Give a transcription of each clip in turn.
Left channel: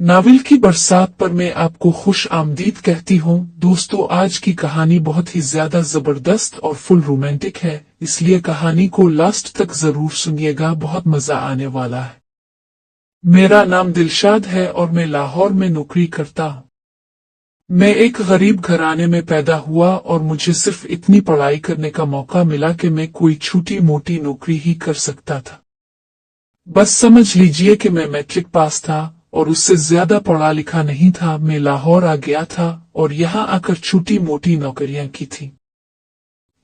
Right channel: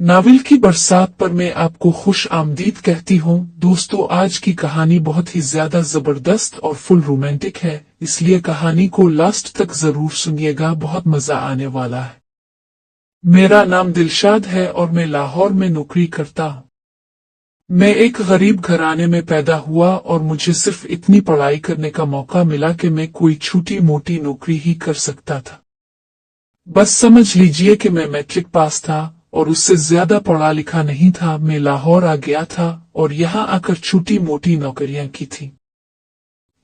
Novel की बरसात पर मैं आपको खुश आमदीद कहती हूँ। दोस्तों, आज की कहानी बहुत ही ज्यादा जबरदस्त और फुल रोमांटिक है, इसलिए कहानी को लास्ट तक जरूर सुनिएगा, बहुत मजा आने वाला है। मेरा नाम दिलशाद है और मैं लाहौर में नौकरी करता हूँ। मैं एक गरीब घराने में पैदा हुआ और मुझे सिर्फ इतनी पढ़ाई करने का मौका मिला कि मैं कोई छोटी मोटी नौकरी ही कर सकता था। बस समझ लीजिए कि मैं मैट्रिक पास था और उससे ज्यादा पढ़ा लिखा नहीं था। मैं लाहौर आ गया था और यहाँ आकर छोटी मोटी नौकरियां की थी।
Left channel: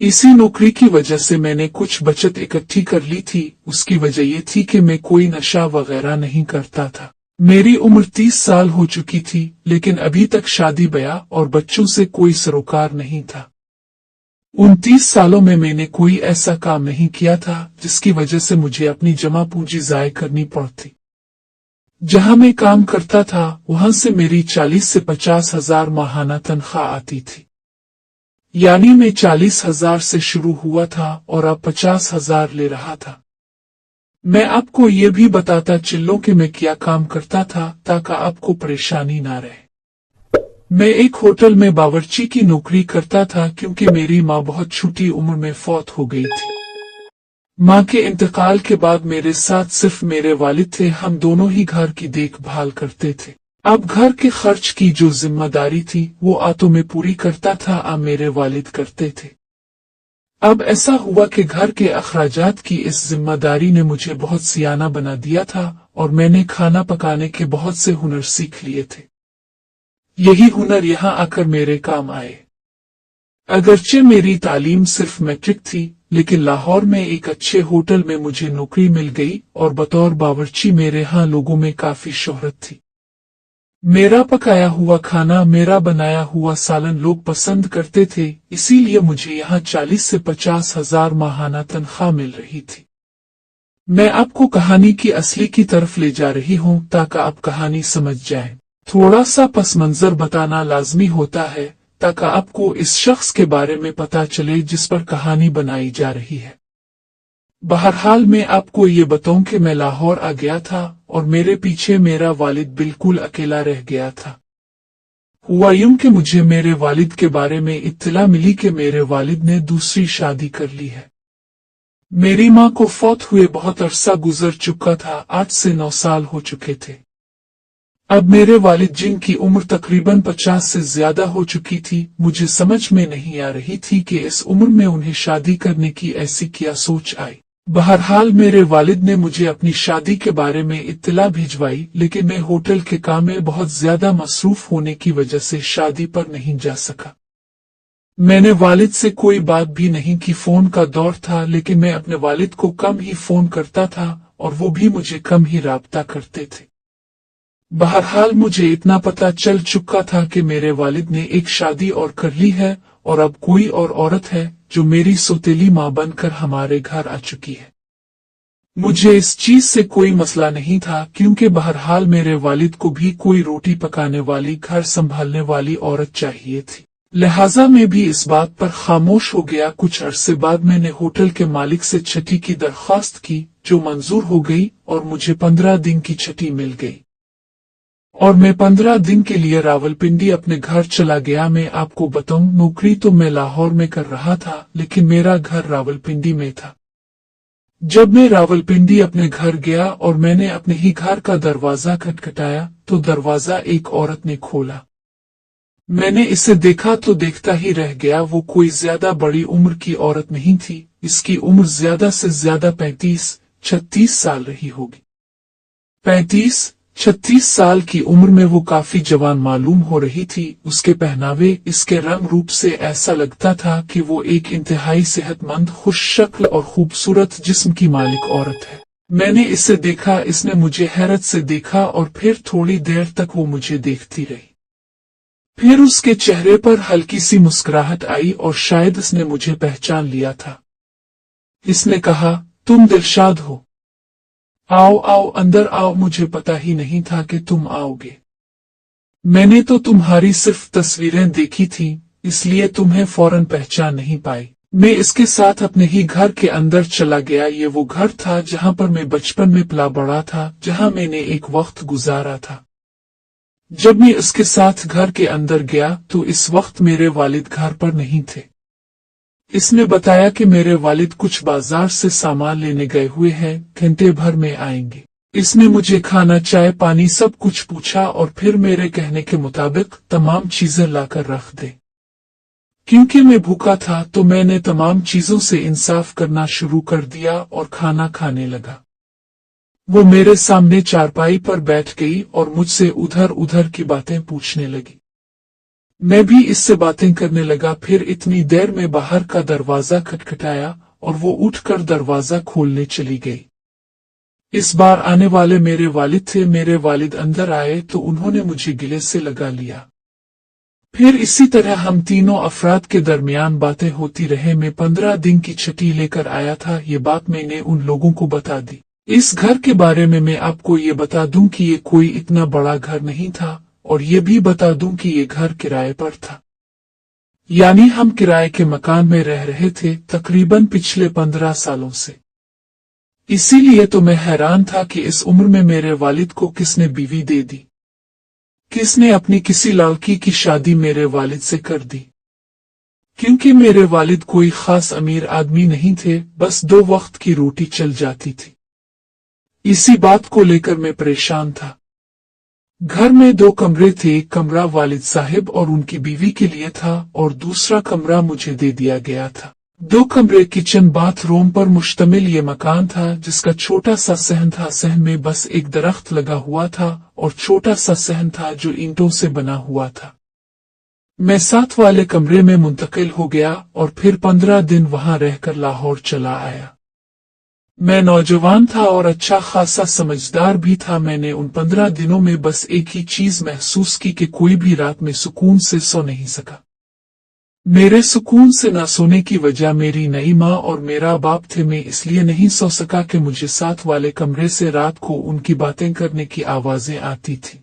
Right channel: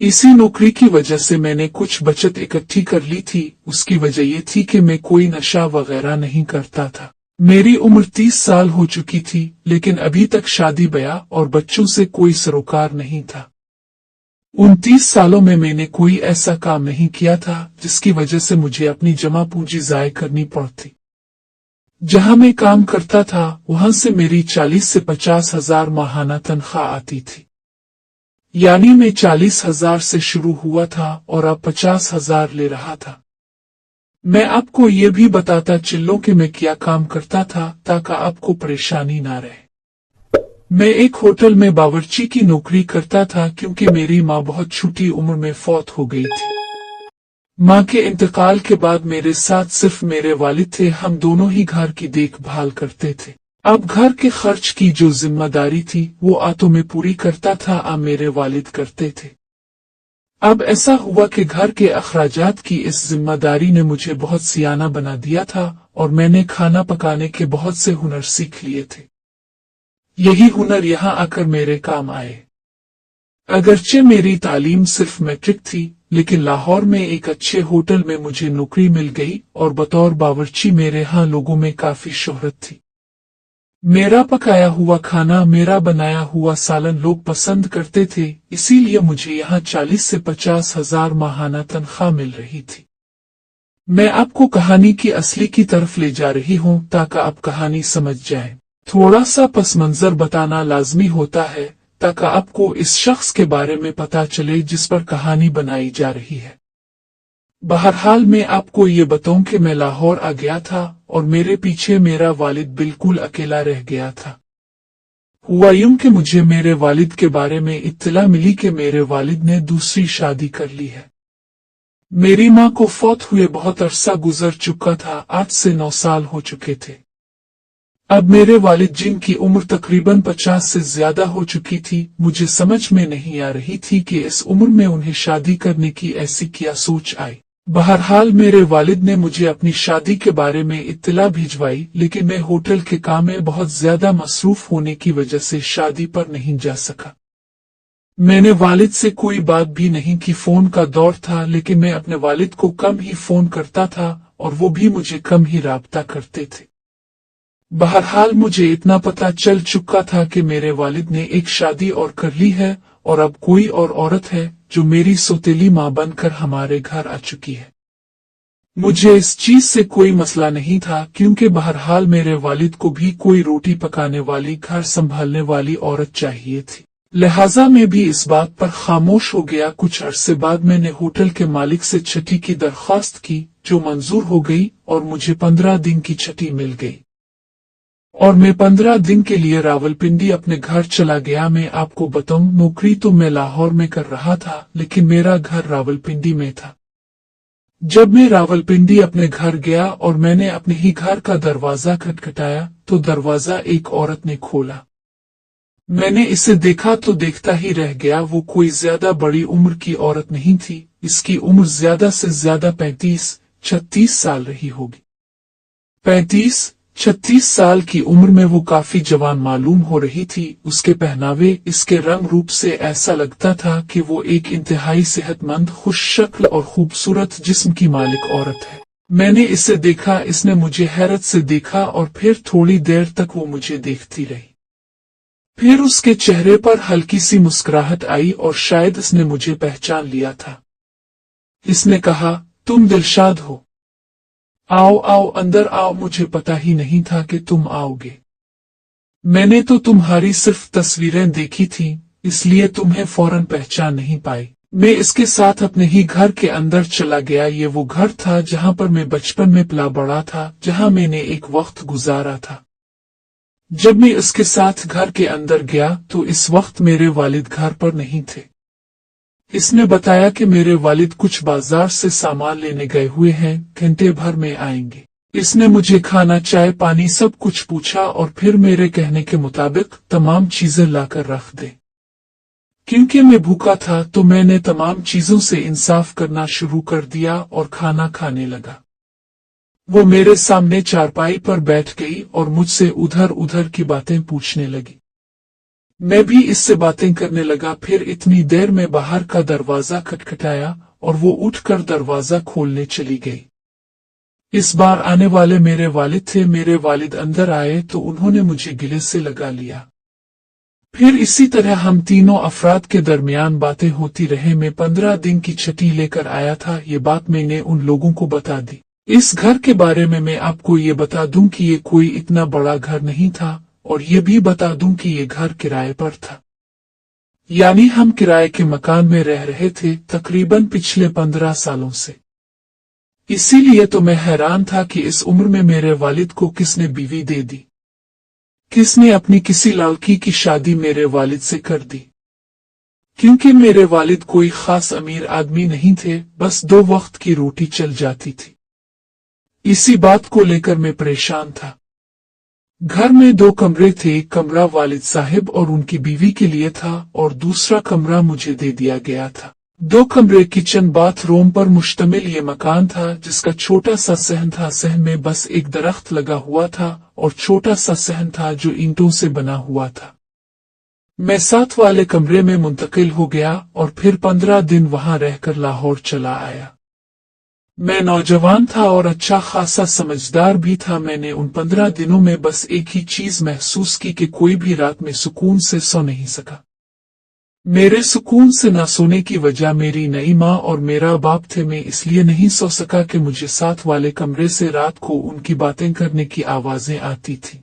इसी नौकरी की वजह से मैंने कुछ बचत इकट्ठी कर ली थी। उसकी वजह ये थी कि मैं कोई नशा वगैरह नहीं करता था। मेरी उम्र 30 साल हो चुकी थी, लेकिन अभी तक शादी ब्याह और बच्चों से कोई सरोकार नहीं था। 29 सालों में मैंने कोई ऐसा काम नहीं किया था जिसकी वजह से मुझे अपनी जमा पूंजी ज़ाय करनी पड़ती। जहां मैं काम करता था वहां से मेरी 40 से 50 हजार माहाना तनख्वाह आती थी। यानी मैं 40,000 से शुरू हुआ था और अब 50,000 ले रहा था। मैं आपको ये भी बताता चलूं कि मैं क्या काम करता था ताकि आपको परेशानी ना रहे। मैं एक होटल में बावर्ची की नौकरी करता था क्योंकि मेरी माँ बहुत छोटी उम्र में फौत हो गई थी। माँ के इंतकाल के बाद मेरे साथ सिर्फ मेरे वालिद थे। हम दोनों ही घर की देखभाल करते थे। अब घर के खर्च की जो जिम्मेदारी थी वो तो मैं पूरी करता था, अब मेरे वालिद करते थे। अब ऐसा हुआ कि घर के अखराजात की इस जिम्मेदारी ने मुझे बहुत सियाना बना दिया था और मैंने खाना पकाने के बहुत से हुनर सीख लिए थे। यही हुनर यहाँ आकर मेरे काम आए। अगरचे मेरी तालीम सिर्फ मैट्रिक थी, लेकिन लाहौर में एक अच्छे होटल में मुझे नौकरी मिल गई और बतौर बावर्ची मेरे यहाँ लोगों में काफी शोहरत थी। मेरा पकाया हुआ खाना, मेरा बनाया हुआ सालन लोग पसंद करते थे, इसीलिए मुझे यहाँ 40 से 50 हजार माहाना तनख्वाह मिल रही थी। मैं आपको कहानी की असली की तरफ ले जा रही हूँ ताकि आप कहानी समझ जाएं। थोड़ा सा पस मंजर बताना लाजमी होता है ताकि आपको इस शख्स के बारे में पता चले जिस पर कहानी बनाई जा रही है। बहरहाल मैं आपको ये बताऊं कि मैं लाहौर आ गया था और मेरे पीछे मेरा वालिद बिल्कुल अकेला रह गया था। हुआ यूं कि मुझे मेरे वालिद के बारे में इत्तला मिली कि मेरे वालिद ने दूसरी शादी कर ली है। मेरी माँ को फौत हुए बहुत अरसा गुजर चुका था, 8 से 9 साल हो चुके थे। अब मेरे वालिद जिनकी उम्र तकरीबन 50 से ज्यादा हो चुकी थी, मुझे समझ में नहीं आ रही थी कि इस उम्र में उन्हें शादी करने की ऐसी क्या सोच आई। बहरहाल मेरे वालिद ने मुझे अपनी शादी के बारे में इत्तला भिजवाई, लेकिन मैं होटल के काम में बहुत ज्यादा मसरूफ होने की वजह से शादी पर नहीं जा सका। मैंने वालिद से कोई बात भी नहीं की। फोन का दौर था, लेकिन मैं अपने वालिद को कम ही फोन करता था और वो भी मुझे कम ही राब्ता करते थे। बहरहाल मुझे इतना पता चल चुका था कि मेरे वालिद ने एक शादी और कर ली है और अब कोई और औरत है जो मेरी सौतेली माँ बनकर हमारे घर आ चुकी है। मुझे इस चीज से कोई मसला नहीं था क्योंकि बहरहाल मेरे वालिद को भी कोई रोटी पकाने वाली, घर संभालने वाली औरत चाहिए थी। लिहाजा मैं भी इस बात पर खामोश हो गया। कुछ अरसे बाद मैंने होटल के मालिक से छठी की दरख्वास्त की, जो मंजूर हो गई और मुझे 15 दिन की छठी मिल गई और मैं 15 दिन के लिए रावलपिंडी अपने घर चला गया। मैं आपको बताऊं, नौकरी तो मैं लाहौर में कर रहा था, लेकिन मेरा घर रावलपिंडी में था। जब मैं रावलपिंडी अपने घर गया और मैंने अपने ही घर का दरवाजा खटखटाया तो दरवाजा एक औरत ने खोला। मैंने इसे देखा तो देखता ही रह गया। वो कोई ज्यादा बड़ी उम्र की औरत नहीं थी। इसकी उम्र ज्यादा से ज्यादा 35-36 साल रही होगी। 35-36 साल की उम्र में वो काफी जवान मालूम हो रही थी। उसके पहनावे, इसके रंग रूप से ऐसा लगता था कि वो एक इंतहाई सेहतमंद, खुश शक्ल और खूबसूरत जिस्म की मालिक औरत है। मैंने इसे देखा, इसने मुझे हैरत से देखा और फिर थोड़ी देर तक वो मुझे देखती रही। फिर उसके चेहरे पर हल्की सी मुस्कुराहट आई और शायद उसने मुझे पहचान लिया था। इसने कहा, तुम दिलशाद हो? आओ आओ अंदर आओ, मुझे पता ही नहीं था कि तुम आओगे। मैंने तो तुम्हारी सिर्फ तस्वीरें देखी थी, इसलिए तुम्हें फौरन पहचान नहीं पाई। मैं इसके साथ अपने ही घर के अंदर चला गया। ये वो घर था जहां पर मैं बचपन में पला बड़ा था, जहां मैंने एक वक्त गुजारा था। जब मैं उसके साथ घर के अंदर गया तो इस वक्त मेरे वालिद घर पर नहीं थे। इसने बताया कि मेरे वालिद कुछ बाजार से सामान लेने गए हुए हैं, घंटे भर में आएंगे। इसने मुझे खाना चाय पानी सब कुछ पूछा और फिर मेरे कहने के मुताबिक तमाम चीजें लाकर रख दे। क्योंकि मैं भूखा था तो मैंने तमाम चीजों से इंसाफ करना शुरू कर दिया और खाना खाने लगा। वो मेरे सामने चारपाई पर बैठ गई और मुझसे उधर उधर की बातें पूछने लगी। मैं भी इससे बातें करने लगा। फिर इतनी देर में बाहर का दरवाजा खटखटाया और वो उठकर दरवाजा खोलने चली गई। इस बार आने वाले मेरे वालिद थे। मेरे वालिद अंदर आए तो उन्होंने मुझे गले से लगा लिया। फिर इसी तरह हम तीनों अफराद के दरमियान बातें होती रहे। मैं 15 दिन की छुट्टी लेकर आया था। ये बात मैंने उन लोगों को बता दी। इस घर के बारे में मैं आपको ये बता दूं कि ये कोई इतना बड़ा घर नहीं था और ये भी बता दूं कि ये घर किराए पर था। यानी हम किराए के मकान में रह रहे थे तकरीबन पिछले 15 सालों से। इसीलिए तो मैं हैरान था कि इस उम्र में मेरे वालिद को किसने बीवी दे दी, किसने अपनी किसी लड़की की शादी मेरे वालिद से कर दी। क्योंकि मेरे वालिद कोई खास अमीर आदमी नहीं थे, बस 2 वक्त की रोटी चल जाती थी। इसी बात को लेकर मैं परेशान था। घर में 2 कमरे थे। एक कमरा वालिद साहिब और उनकी बीवी के लिए था और दूसरा कमरा मुझे दे दिया गया था। 2 कमरे किचन बाथरूम पर मुश्तमिल ये मकान था, जिसका छोटा सा सहन था। सहन में बस एक दरख्त लगा हुआ था और छोटा सा सहन था जो ईंटों से बना हुआ था। मैं साथ वाले कमरे में मुंतकिल हो गया और फिर 15 दिन वहां रहकर लाहौर चला आया। मैं नौजवान था और अच्छा खासा समझदार भी था। मैंने उन 15 दिनों में बस एक ही चीज महसूस की कि कोई भी रात में सुकून से सो नहीं सका। मेरे सुकून से न सोने की वजह मेरी नई माँ और मेरा बाप थे। मैं इसलिए नहीं सो सका कि मुझे साथ वाले कमरे से रात को उनकी बातें करने की आवाजें आती थी।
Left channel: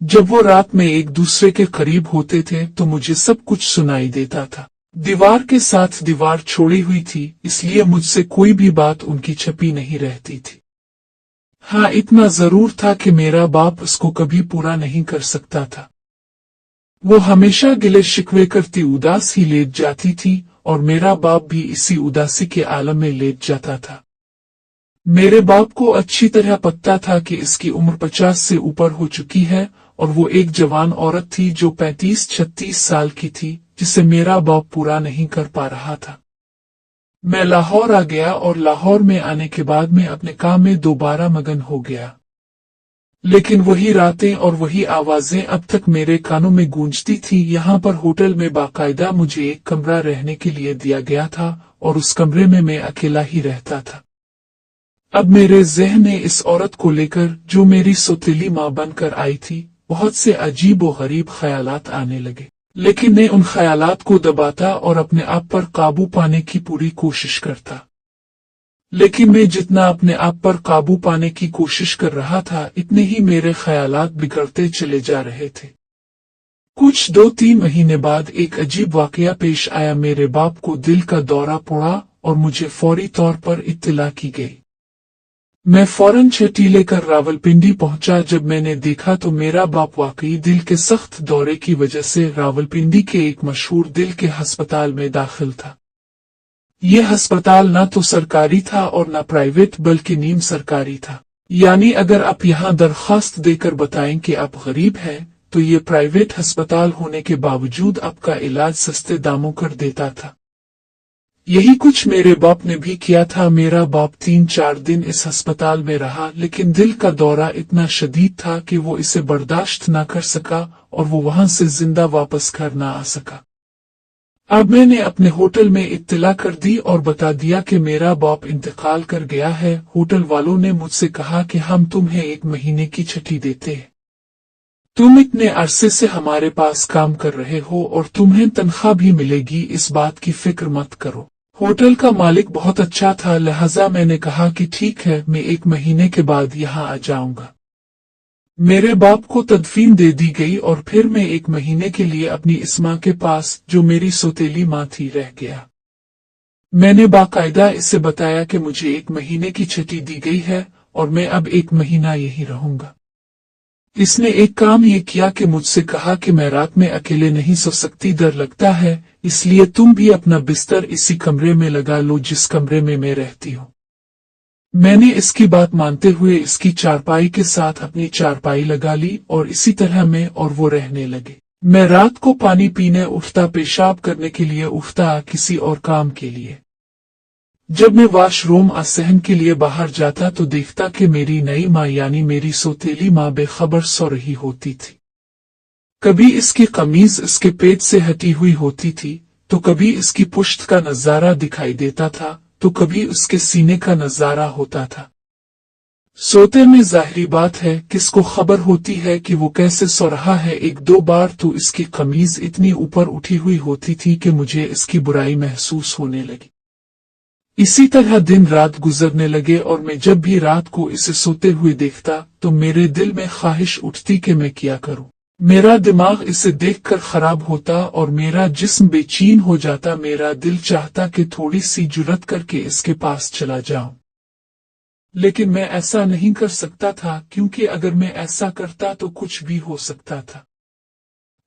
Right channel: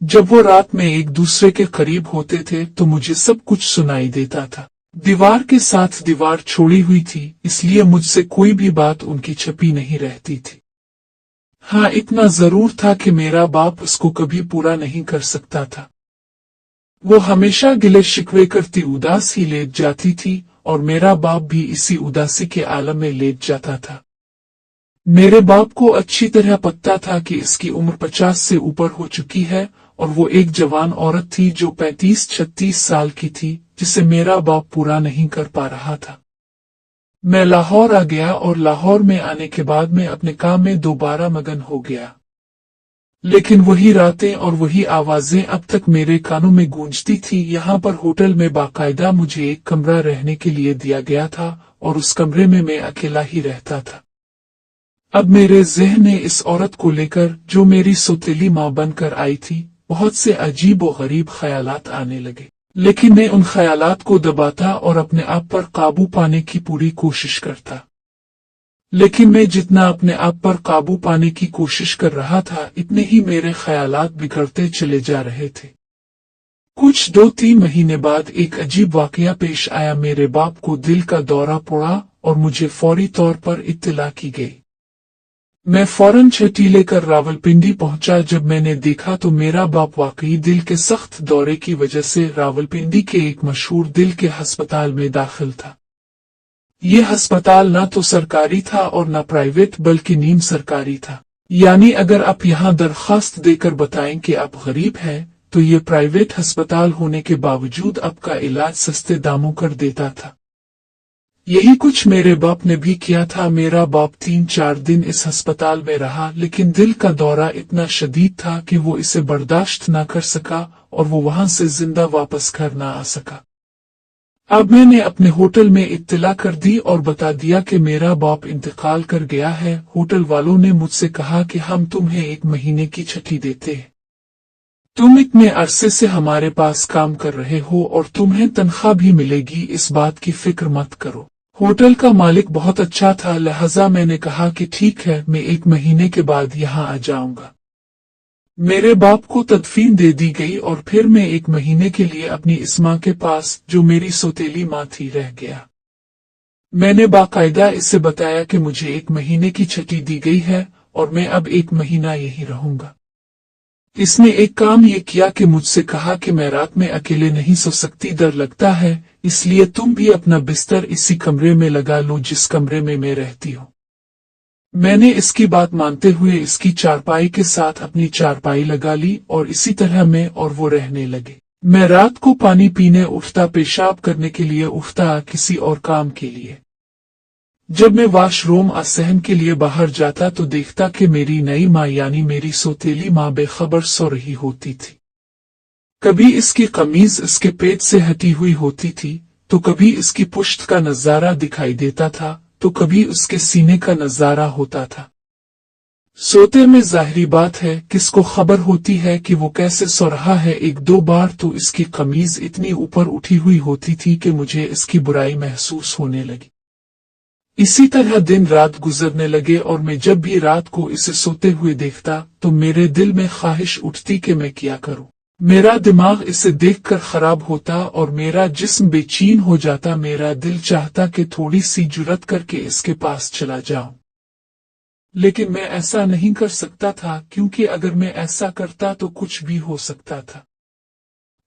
जब वो रात में एक दूसरे के करीब होते थे तो मुझे सब कुछ सुनाई देता था। दीवार के साथ दीवार छोड़ी हुई थी, इसलिए मुझसे कोई भी बात उनकी छपी नहीं रहती थी। हाँ, इतना जरूर था कि मेरा बाप उसको कभी पूरा नहीं कर सकता था। वो हमेशा गिले शिकवे करती उदास ही लेट जाती थी और मेरा बाप भी इसी उदासी के आलम में लेट जाता था। मेरे बाप को अच्छी तरह पता था कि इसकी उम्र 50 से ऊपर हो चुकी है और वो एक जवान औरत थी जो 35-36 साल की थी, जिसे मेरा बाप पूरा नहीं कर पा रहा था। मैं लाहौर आ गया और लाहौर में आने के बाद मैं अपने काम में दोबारा मगन हो गया। लेकिन वही रातें और वही आवाजें अब तक मेरे कानों में गूंजती थी। यहाँ पर होटल में बाकायदा मुझे एक कमरा रहने के लिए दिया गया था और उस कमरे में मैं अकेला ही रहता था। अब मेरे ज़हन में इस औरत को लेकर, जो मेरी सौतेली माँ बनकर आई थी, बहुत से अजीब और गरीब ख्यालात आने लगे। लेकिन मैं उन ख्यालात को दबाता और अपने आप पर काबू पाने की पूरी कोशिश करता। लेकिन मैं जितना अपने आप पर काबू पाने की कोशिश कर रहा था, इतने ही मेरे ख्यालात बिगड़ते चले जा रहे थे। कुछ 2-3 महीने बाद एक अजीब वाकया पेश आया। मेरे बाप को दिल का दौरा पड़ा और मुझे फौरी तौर पर इत्तला की गई। मैं फौरन छुट्टी लेकर रावलपिंडी पहुंचा। जब मैंने देखा तो मेरा बाप वाकई दिल के सख्त दौरे की वजह से रावलपिंडी के एक मशहूर दिल के अस्पताल में दाखिल था। ये अस्पताल न तो सरकारी था और न प्राइवेट, बल्कि नीम सरकारी था। यानी अगर आप यहाँ दरखास्त देकर बताएं कि आप गरीब हैं, तो ये प्राइवेट अस्पताल होने के बावजूद आपका इलाज सस्ते दामों कर देता था। यही कुछ मेरे बाप ने भी किया था। मेरा बाप 3-4 दिन इस अस्पताल में रहा, लेकिन दिल का दौरा इतना शदीद था कि वो इसे बर्दाश्त न कर सका और वो वहां से जिंदा वापस घर न आ सका। अब मैंने अपने होटल में इत्तला कर दी और बता दिया कि मेरा बाप इंतकाल कर गया है। होटल वालों ने मुझसे कहा कि हम तुम्हें 1 महीने की छुट्टी देते हैं। तुम इतने अरसे से हमारे पास काम कर रहे हो और तुम्हें तनख्वाह भी मिलेगी, इस बात की फिक्र मत करो। होटल का मालिक बहुत अच्छा था, लिहाजा मैंने कहा कि ठीक है, मैं 1 महीने के बाद यहाँ आ जाऊंगा। मेरे बाप को तदफीन दे दी गई और फिर मैं 1 महीने के लिए अपनी इस माँ के पास, जो मेरी सौतेली माँ थी, रह गया। मैंने बाकायदा इससे बताया कि मुझे 1 महीने की छुट्टी दी गई है और मैं अब 1 महीना यहीं रहूंगा। इसने एक काम ये किया कि मुझसे कहा कि मैं रात में अकेले नहीं सो सकती, डर लगता है, इसलिए तुम भी अपना बिस्तर इसी कमरे में लगा लो जिस कमरे में मैं रहती हूँ। मैंने इसकी बात मानते हुए इसकी चारपाई के साथ अपनी चारपाई लगा ली और इसी तरह मैं और वो रहने लगे। मैं रात को पानी पीने उठता, पेशाब करने के लिए उठता, किसी और काम के लिए। जब मैं वॉशरूम असहन के लिए बाहर जाता तो देखता कि मेरी नई माँ यानी मेरी सौतेली माँ बेखबर सो रही होती थी। कभी इसकी कमीज इसके पेट से हटी हुई होती थी, तो कभी इसकी पुश्त का नजारा दिखाई देता था, तो कभी उसके सीने का नजारा होता था। सोते में जाहिरी बात है किसको खबर होती है कि वो कैसे सो रहा है। एक दो बार तो इसकी कमीज इतनी ऊपर उठी हुई होती थी कि मुझे इसकी बुराई महसूस होने लगी। इसी तरह दिन रात गुजरने लगे और मैं जब भी रात को इसे सोते हुए देखता तो मेरे दिल में ख्वाहिश उठती कि मैं क्या करूं। मेरा दिमाग इसे देखकर खराब होता और मेरा जिस्म बेचैन हो जाता। मेरा दिल चाहता कि थोड़ी सी जुर्रत करके इसके पास चला जाऊं, लेकिन मैं ऐसा नहीं कर सकता था, क्योंकि अगर मैं ऐसा करता तो कुछ भी हो सकता था।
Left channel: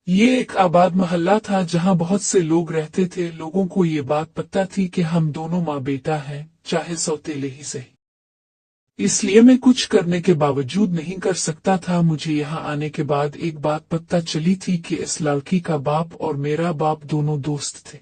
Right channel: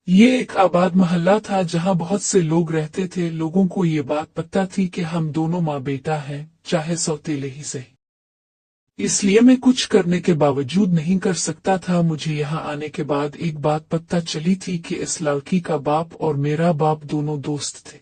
ये एक आबाद मोहल्ला था जहां बहुत से लोग रहते थे। लोगों को ये बात पता थी कि हम दोनों माँ बेटा हैं, चाहे सौतेले ही सही। इसलिए मैं कुछ करने के बावजूद नहीं कर सकता था। मुझे यहाँ आने के बाद एक बात पता चली थी कि इस लड़की का बाप और मेरा बाप दोनों दोस्त थे।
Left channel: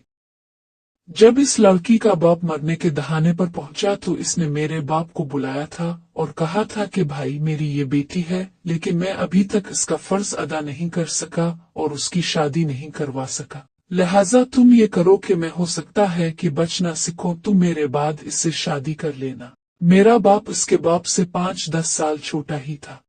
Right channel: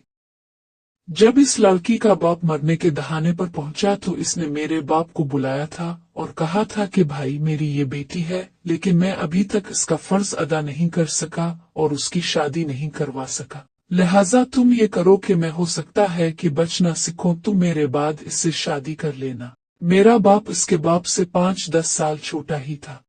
जब इस लड़की का बाप मरने के दहाने पर पहुंचा तो इसने मेरे बाप को बुलाया था और कहा था कि भाई मेरी ये बेटी है, लेकिन मैं अभी तक इसका फर्ज अदा नहीं कर सका और उसकी शादी नहीं करवा सका। लिहाजा तुम ये करो कि मैं हो सकता है कि बच ना सीखो, तुम मेरे बाद इससे शादी कर लेना। मेरा बाप इसके बाप से 5-10 साल छोटा ही था।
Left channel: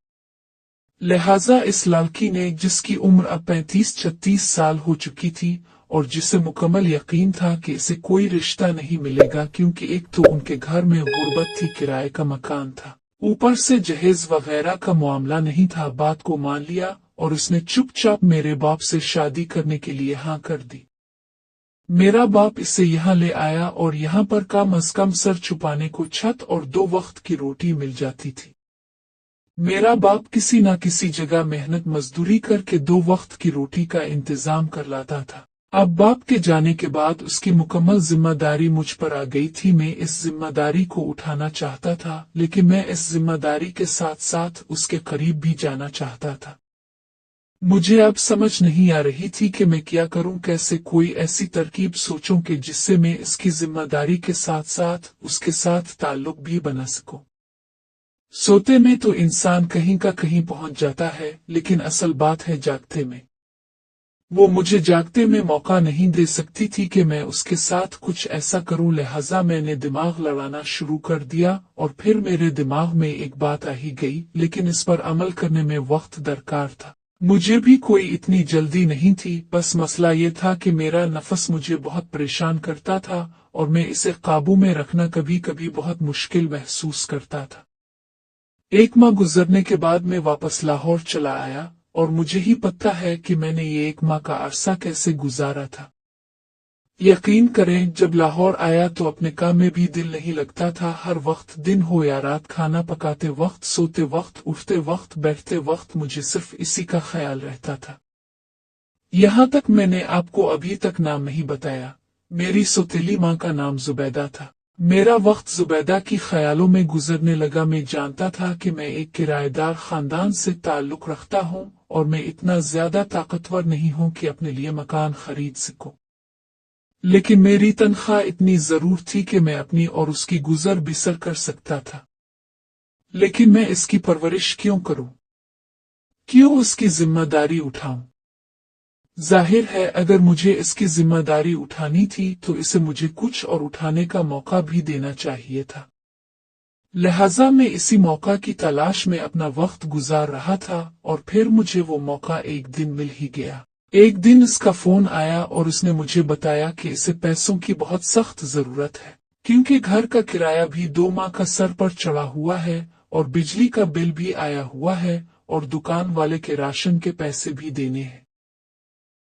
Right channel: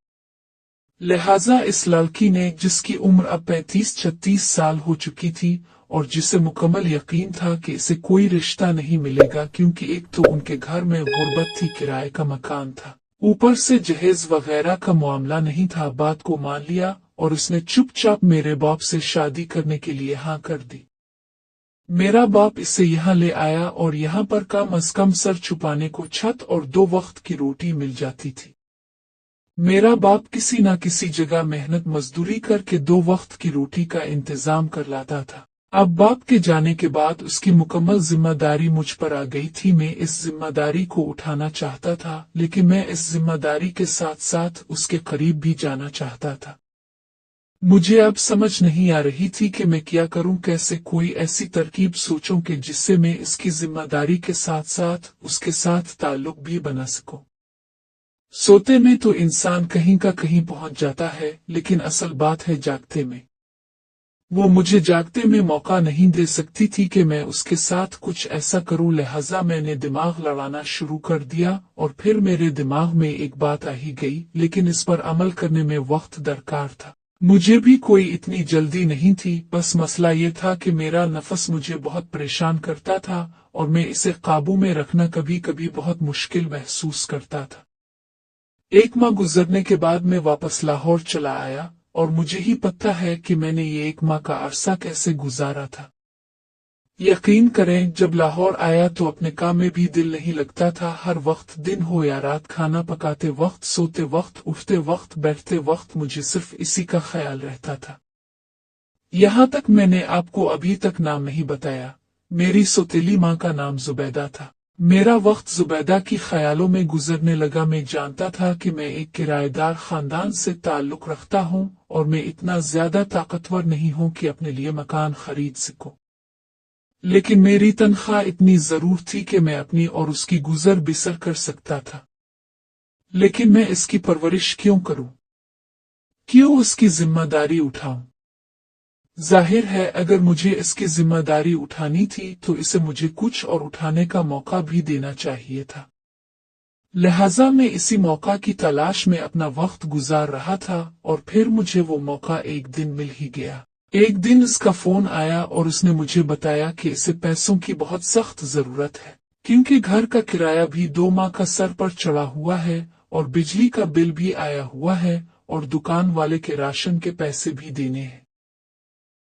लिहाजा इस लड़की ने, जिसकी उम्र अब 35-36 साल हो चुकी थी और जिसे मुकम्मल यकीन था कि इसे कोई रिश्ता नहीं मिलेगा, क्योंकि एक तो उनके घर में गुर्बत थी, किराए का मकान था, ऊपर से जहेज वगैरह का मामला नहीं था, बात को मान लिया और उसने चुपचाप मेरे बाप से शादी करने के लिए हाँ कर दी। मेरा बाप इसे यहाँ ले आया और यहाँ पर कम अज कम सर छुपाने को छत और 2 वक्त की रोटी मिल जाती थी। मेरा बाप किसी न किसी जगह मेहनत मजदूरी करके 2 वक्त की रोटी का इंतजाम कर लाता था। अब बाप के जाने के बाद उसकी मुकम्मल जिम्मेदारी मुझ पर आ गई थी। मैं इस जिम्मेदारी को उठाना चाहता था, लेकिन मैं इस जिम्मेदारी के साथ साथ उसके करीब भी जाना चाहता था। मुझे अब समझ नहीं आ रही थी कि मैं क्या करूं, कैसे कोई ऐसी तरकीब सोचूं कि जिससे मैं इसकी जिम्मेदारी के साथ साथ उसके साथ ताल्लुक भी बना सकूं। सोते में तो इंसान कहीं का कहीं पहुंच जाता है, लेकिन असल बात है जागते में। वो मुझे जागते में मौका नहीं दे सकती थी कि मैं उसके साथ कुछ ऐसा करूं। लिहाजा मैंने दिमाग लड़ाना शुरू कर दिया और फिर मेरे दिमाग में एक बात आ ही गई, लेकिन इस पर अमल करने में वक्त दरकार था। मुझे भी कोई इतनी जल्दी नहीं थी, बस मसला ये था कि मेरा नफस मुझे बहुत परेशान करता था और मैं इसे काबू में रखना कभी कभी बहुत मुश्किल महसूस करता था। 1 माह गुजरने के बाद मैं वापस लाहौर चला आया और मुझे ही पता है कि मैंने ये 1 माह का अरसा कैसे गुजारा था। यकीन करें, जब लाहौर आया तो अपने काम में भी दिल नहीं लगता था। हर वक्त दिन हो या रात, खाना पकाते वक्त, सोते वक्त, उठते वक्त, बैठते वक्त मुझे सिर्फ इसी का ख्याल रहता था। यहाँ तक मैंने आपको अभी तक नाम नहीं बताया। मेरी सौतेली माँ का नाम जुबैदा था। मेरा वक्त जुबैदा की ख्यालों में गुजरने लगा। मैं जानता था कि मैं एक किराएदार खानदान से ताल्लुक रखता हूँ और मैं इतना ज्यादा ताकतवर नहीं हूँ कि अपने लिए मकान खरीद सकूं, लेकिन मेरी तनख्वाह इतनी जरूर थी कि मैं अपनी और उसकी गुजर बसर कर सकता था। लेकिन मैं इसकी परवरिश क्यों करूं? क्यों उसकी जिम्मेदारी उठाऊं? जाहिर है अगर मुझे इसकी जिम्मेदारी उठानी थी तो इसे मुझे कुछ और उठाने का मौका भी देना चाहिए था। लिहाजा मैं इसी मौका की तलाश में अपना वक्त गुजार रहा था और फिर मुझे वो मौका एक दिन मिल ही गया। एक दिन इसका फोन आया और उसने मुझे बताया कि इसे पैसों की बहुत सख्त जरूरत है, क्योंकि घर का किराया भी 2 माह का सर पर चढ़ा हुआ है और बिजली का बिल भी आया हुआ है और दुकान वाले के राशन के पैसे भी देने हैं।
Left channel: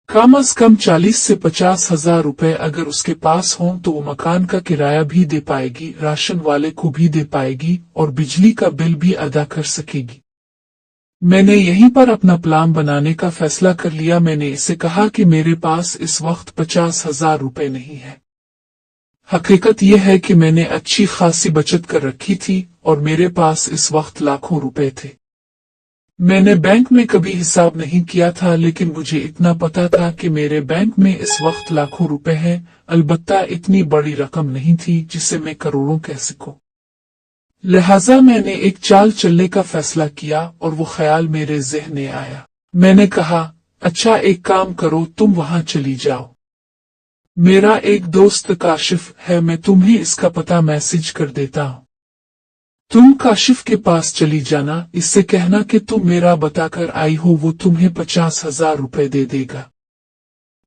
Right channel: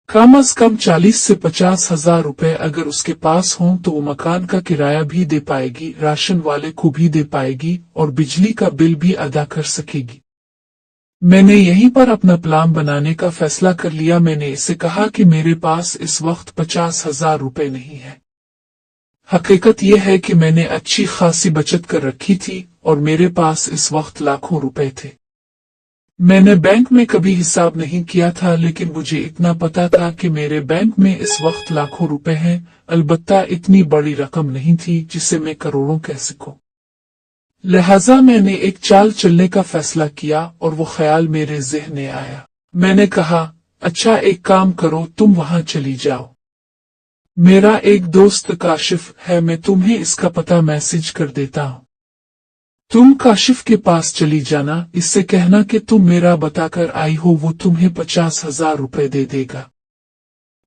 कम अज कम 40 से 50 हजार रुपए अगर उसके पास हों तो वो मकान का किराया भी दे पाएगी, राशन वाले को भी दे पाएगी और बिजली का बिल भी अदा कर सकेगी। मैंने यहीं पर अपना प्लान बनाने का फैसला कर लिया। मैंने इसे कहा कि मेरे पास इस वक्त 50,000 रुपए नहीं है। हकीकत यह है कि मैंने अच्छी खासी बचत कर रखी थी और मेरे पास इस वक्त लाखों रुपए थे। मैंने बैंक में कभी हिसाब नहीं किया था, लेकिन मुझे इतना पता था कि मेरे बैंक में इस वक्त लाखों रुपए हैं। अलबत्ता इतनी बड़ी रकम नहीं थी जिसे मैं करोड़ों कह सकूं। लिहाजा मैंने एक चाल चलने का फैसला किया और वो ख्याल मेरे ज़हन में आया। मैंने कहा, अच्छा एक काम करो, तुम वहां चली जाओ। मेरा एक दोस्त काशिफ है, मैं तुम्हें इसका पता मैसेज कर देता हूँ। तुम काशिफ के पास चली जाना, इससे कहना कि तुम मेरा बताकर आई हो, वो तुम्हें 50,000 रुपए दे देगा।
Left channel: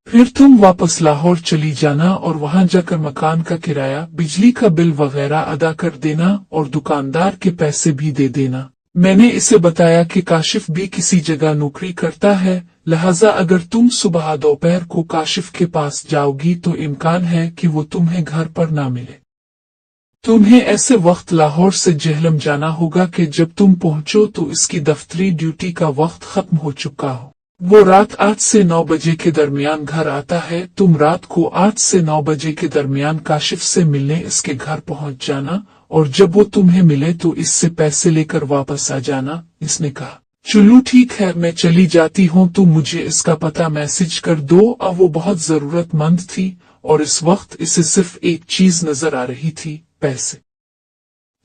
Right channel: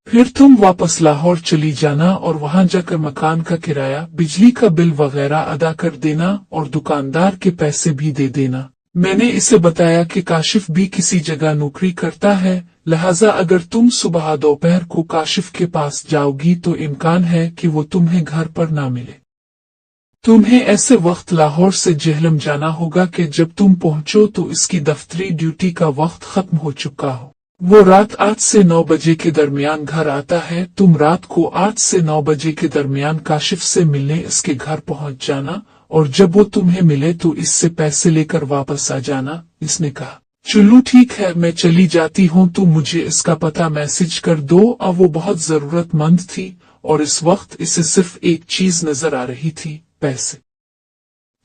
फिर तुम वापस लाहौर चली जाना और वहां जाकर मकान का किराया, बिजली का बिल वगैरह अदा कर देना और दुकानदार के पैसे भी दे देना। मैंने इसे बताया कि काशिफ भी किसी जगह नौकरी करता है, लिहाजा अगर तुम सुबह दोपहर को काशिफ के पास जाओगी तो इम्कान है कि वो तुम्हें घर पर ना मिले। तुम्हें ऐसे वक्त लाहौर से जेहलम जाना होगा कि जब तुम पहुंचो तो इसकी दफ्तरी ड्यूटी का वक्त खत्म हो चुका हो। वो रात 8 से 9 बजे के दरमियान घर आता है। तुम रात को 8 से 9 बजे के दरमियान काशिफ से मिलने इसके घर पहुंच जाना और जब वो तुम्हें मिले तो इससे पैसे लेकर वापस आ जाना। इसने कहा, चलो ठीक है, मैं चली जाती हूँ, तुम मुझे इसका पता मैसेज कर दो। अब वो बहुत जरूरतमंद थी और इस वक्त इसे सिर्फ एक चीज नजर आ रही थी, पैसे।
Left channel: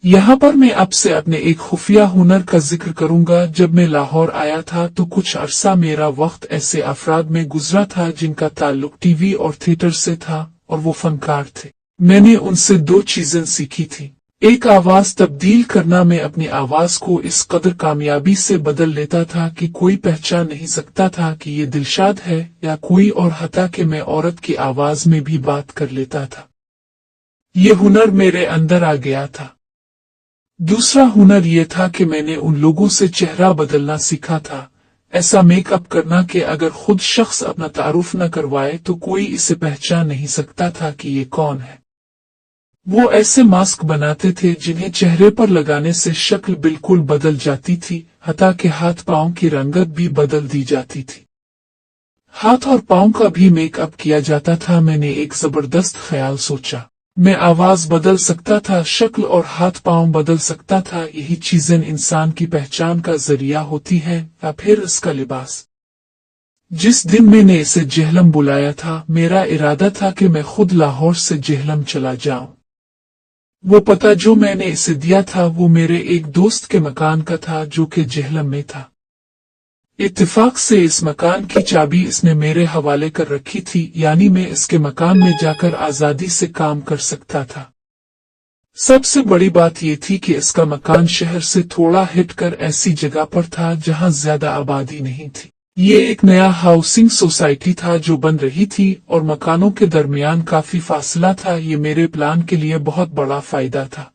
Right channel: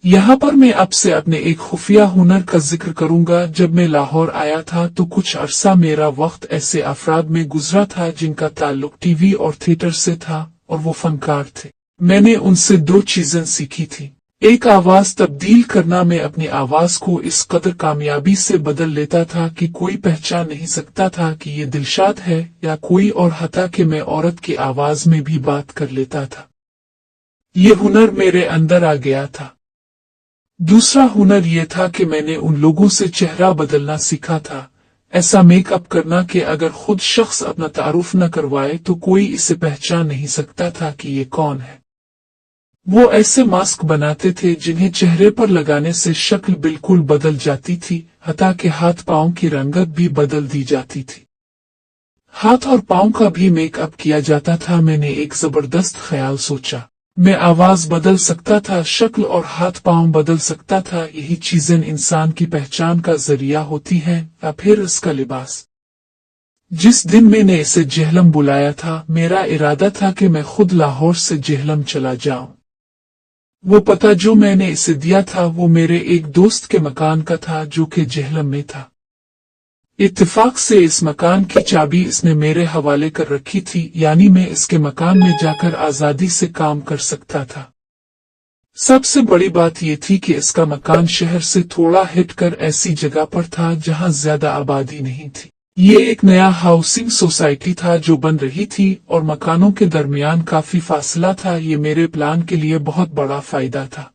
यहाँ पर मैं आपसे अपने एक खुफिया हुनर का जिक्र करूंगा। जब मैं लाहौर आया था तो कुछ अरसा मेरा वक्त ऐसे अफराद में गुजरा था जिनका ताल्लुक टीवी और थिएटर से था और वो फनकार थे। मैंने उनसे 2 चीजें सीखी थी। एक, आवाज तब्दील करना। मैं अपनी आवाज को इस कदर कामयाबी से बदल लेता था कि कोई पहचान नहीं सकता था कि ये दिलशाद है या कोई और, हता कि मैं औरत की आवाज में भी बात कर लेता था। ये हुनर मेरे अंदर आ गया था। दूसरा हुनर ये था कि मैंने उन लोगों से चेहरा बदलना सीखा था, ऐसा मेकअप करना कि अगर खुद शख्स अपना तारुफ न करवाए तो कोई इसे पहचान नहीं सकता था कि ये कौन है। वो ऐसे मास्क बनाते थे जिन्हें चेहरे पर लगाने से शक्ल बिल्कुल बदल जाती थी, हता कि हाथ पांव की रंगत भी बदल दी जाती थी। हाथ और पांव का भी मेकअप किया जाता था। मैंने एक जबरदस्त ख्याल सोचा। मैं आवाज बदल सकता था, शक्ल और हाथ पांव बदल सकता था। यही चीजें इंसान की पहचान का जरिया होती है या फिर इसका लिबास। जिस दिन मैंने इसे जेहलम बुलाया था, मेरा इरादा था कि मैं खुद लाहौर से जेहलम चला जाऊं। वो पता जो मैंने इसे दिया था वो मेरे एक दोस्त के मकान का था जो कि जेहलम में था। इत्तेफाक से इस मकान की चाबी इसने मेरे हवाले कर रखी थी, यानी मैं इसके मकान में जाकर आजादी से काम कर सकता था। सबसे बड़ी बात यह थी कि इसका मकान शहर से थोड़ा हटकर ऐसी जगह पर था जहां ज्यादा आबादी नहीं थी। ये एक नया हाउसिंग सोसाइटी था जो बन रही थी और मकानों के दरमियान काफी फासला था। ये मेरे प्लान के लिए बहुत बड़ा फायदा था।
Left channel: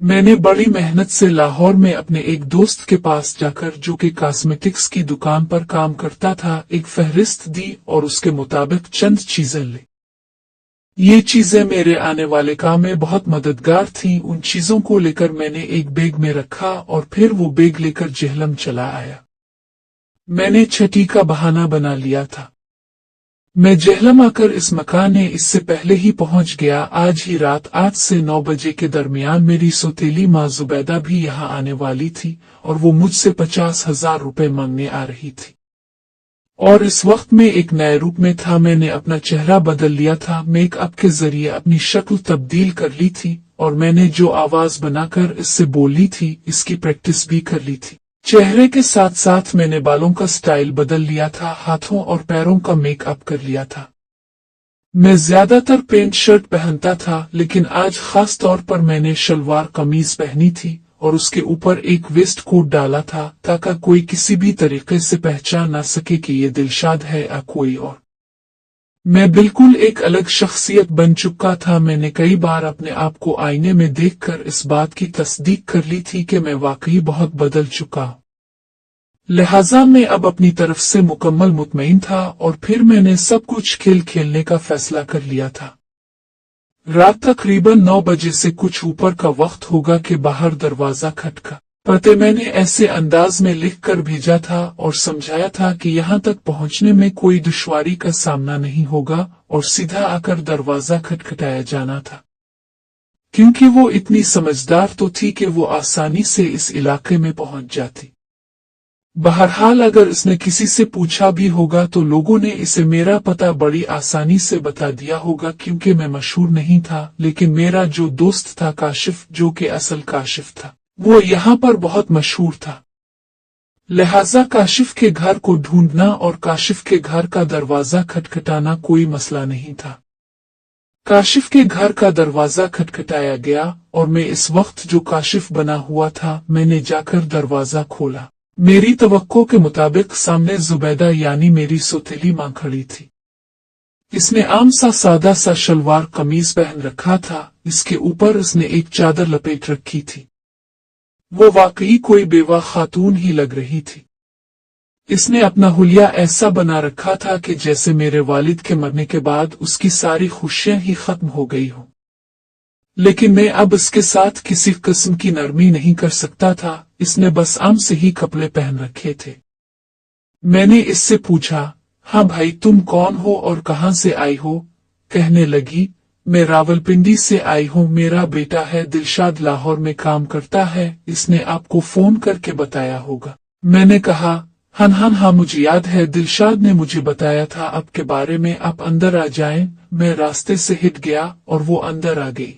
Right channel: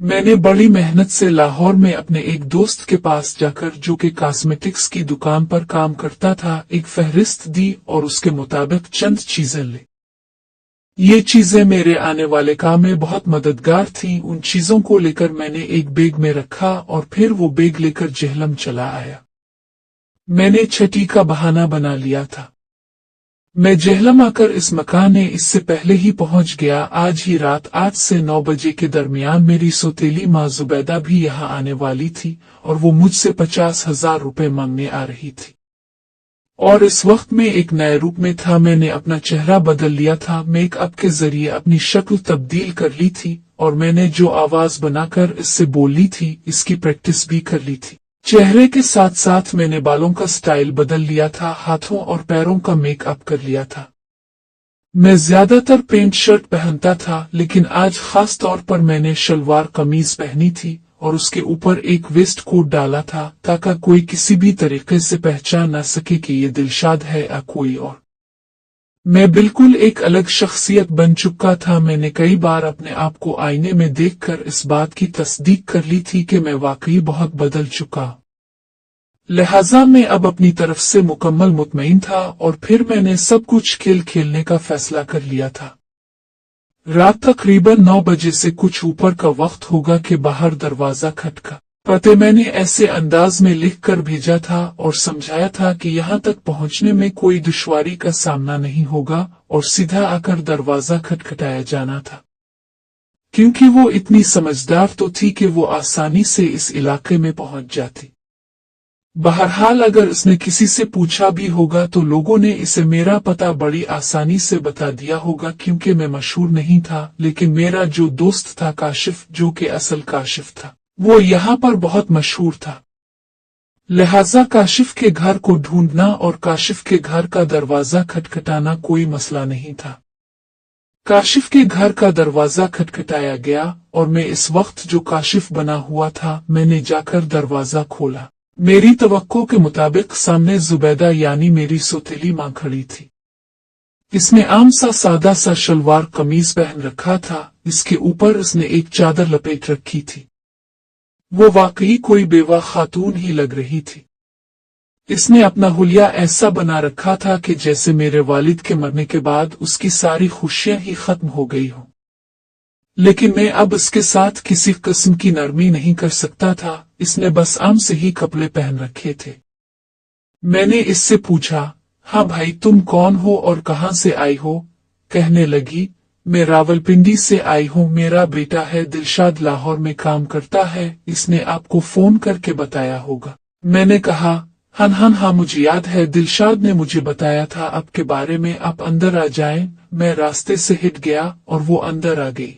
मैंने बड़ी मेहनत से लाहौर में अपने एक दोस्त के पास जाकर, जो कि कॉस्मेटिक्स की दुकान पर काम करता था, एक फहरिस्त दी और उसके मुताबिक चंद चीजें ली। ये चीजें मेरे आने वाले काम में बहुत मददगार थीं। उन चीजों को लेकर मैंने एक बैग में रखा और फिर वो बैग लेकर जेहलम चला आया। मैंने छठी का बहाना बना लिया था। मैं जेहलम आकर इस मकान में इससे पहले ही पहुंच गया। आज ही रात 8 से 9 बजे के दरमियान मेरी सौतेली माँ जुबैदा भी यहाँ आने वाली थी और वो मुझसे 50,000 रुपए मांगने आ रही थी। और इस वक्त मैं एक नए रूप में था। मैंने अपना चेहरा बदल लिया था, मेकअप के जरिए अपनी शक्ल तब्दील कर ली थी और मैंने जो आवाज बनाकर इससे बोली थी इसकी प्रैक्टिस भी कर ली थी। चेहरे के साथ साथ मैंने बालों का स्टाइल बदल लिया था, हाथों और पैरों का मेकअप कर लिया था। मैं ज्यादातर पैंट शर्ट पहनता था, लेकिन आज खास तौर पर मैंने शलवार कमीज पहनी थी और उसके ऊपर एक वेस्ट कोट डाला था ताकि कोई किसी भी तरीके से पहचान न सके कि ये दिलशाद है या कोई और। मैं बिल्कुल एक अलग शख्सियत बन चुका था। मैंने कई बार अपने आप को आईने में देखकर इस बात की तस्दीक कर ली थी कि मैं वाकई बहुत बदल चुका। लिहाजा मैं अब अपनी तरफ से मुकम्मल मुतमईन था और फिर मैंने सब कुछ खेल खेलने का फैसला कर लिया था। रात तकरीबन 9 बजे से कुछ ऊपर का वक्त होगा कि बाहर दरवाजा खटका। पते मैंने ऐसे अंदाज में लिख कर भेजा था और समझाया था कि यहाँ तक पहुँचने में कोई दुश्वारी का सामना नहीं होगा और सीधा आकर दरवाजा खटखटाया जाना था, क्योंकि वो इतनी समझदार तो थी कि वो आसानी से इस इलाके में पहुँच जाती। बहरहाल अगर उसने किसी से पूछा भी होगा तो लोगों ने इसे मेरा पता बड़ी आसानी से बता दिया होगा, क्योंकि मैं मशहूर नहीं था, लेकिन मेरा जो दोस्त था काशिफ, जो कि असल काशिफ था, वो यहाँ पर बहुत मशहूर था। लिहाजा काशिफ के घर को ढूंढना और काशिफ के घर का दरवाजा खटखटाना कोई मसला नहीं था। काशिफ के घर का दरवाजा खटखटाया गया और मैं इस वक्त जो काशिफ बना हुआ था, मैंने जाकर दरवाजा खोला। मेरी तवक्को के मुताबिक सामने जुबैदा यानी मेरी सौतेली मां खड़ी थी। इसने आम सा सादा सा शलवार कमीज पहन रखा था, इसके ऊपर इसने एक चादर लपेट रखी थी। वो वाकई कोई बेवा खातून ही लग रही थी। इसने अपना हुलिया ऐसा बना रखा था कि जैसे मेरे वालिद के मरने के बाद उसकी सारी खुशियां ही खत्म हो गई हों। लेकिन मैं अब इसके साथ किसी किस्म की नरमी नहीं कर सकता था। इसने बस आम से ही कपड़े पहन रखे थे। मैंने इससे पूछा, हाँ भाई, तुम कौन हो और कहाँ से आई हो? कहने लगी, मैं रावलपिंडी से आई हूँ, मेरा बेटा है दिलशाद लाहौर में काम करता है, इसने आपको फोन करके बताया होगा। मैंने कहा, हाँ मुझे याद है, दिलशाद ने मुझे बताया था आपके बारे में, आप अंदर आ जाएं। मैं रास्ते से हिट गया और वो अंदर आ गई।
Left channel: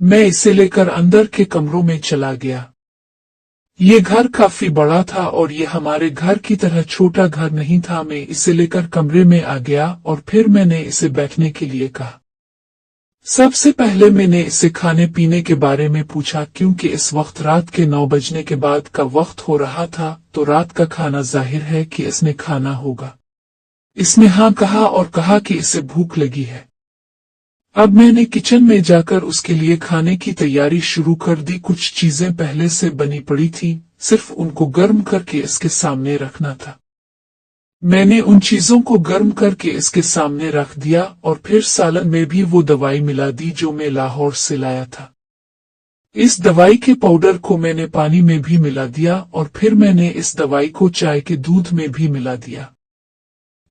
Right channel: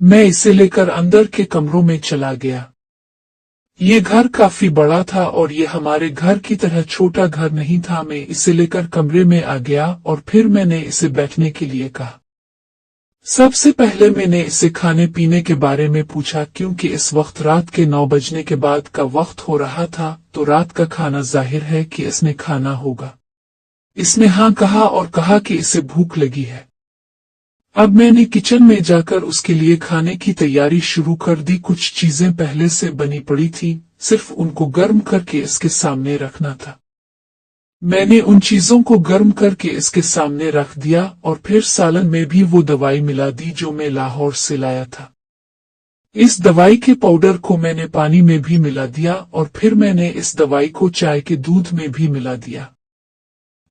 मैं इसे लेकर अंदर के कमरों में चला गया। ये घर काफी बड़ा था और ये हमारे घर की तरह छोटा घर नहीं था। मैं इसे लेकर कमरे में आ गया और फिर मैंने इसे बैठने के लिए कहा। सबसे पहले मैंने इसे खाने पीने के बारे में पूछा, क्योंकि इस वक्त रात के 9 बजने के बाद का वक्त हो रहा था, तो रात का खाना जाहिर है कि इसने खाना होगा। इसने हाँ कहा और कहा कि इसे भूख लगी है। अब मैंने किचन में जाकर उसके लिए खाने की तैयारी शुरू कर दी। कुछ चीजें पहले से बनी पड़ी थी, सिर्फ उनको गर्म करके इसके सामने रखना था। मैंने उन चीजों को गर्म करके इसके सामने रख दिया और फिर सालन में भी वो दवाई मिला दी जो मैं लाहौर से लाया था। इस दवाई के पाउडर को मैंने पानी में भी मिला दिया और फिर मैंने इस दवाई को चाय के दूध में भी मिला दिया।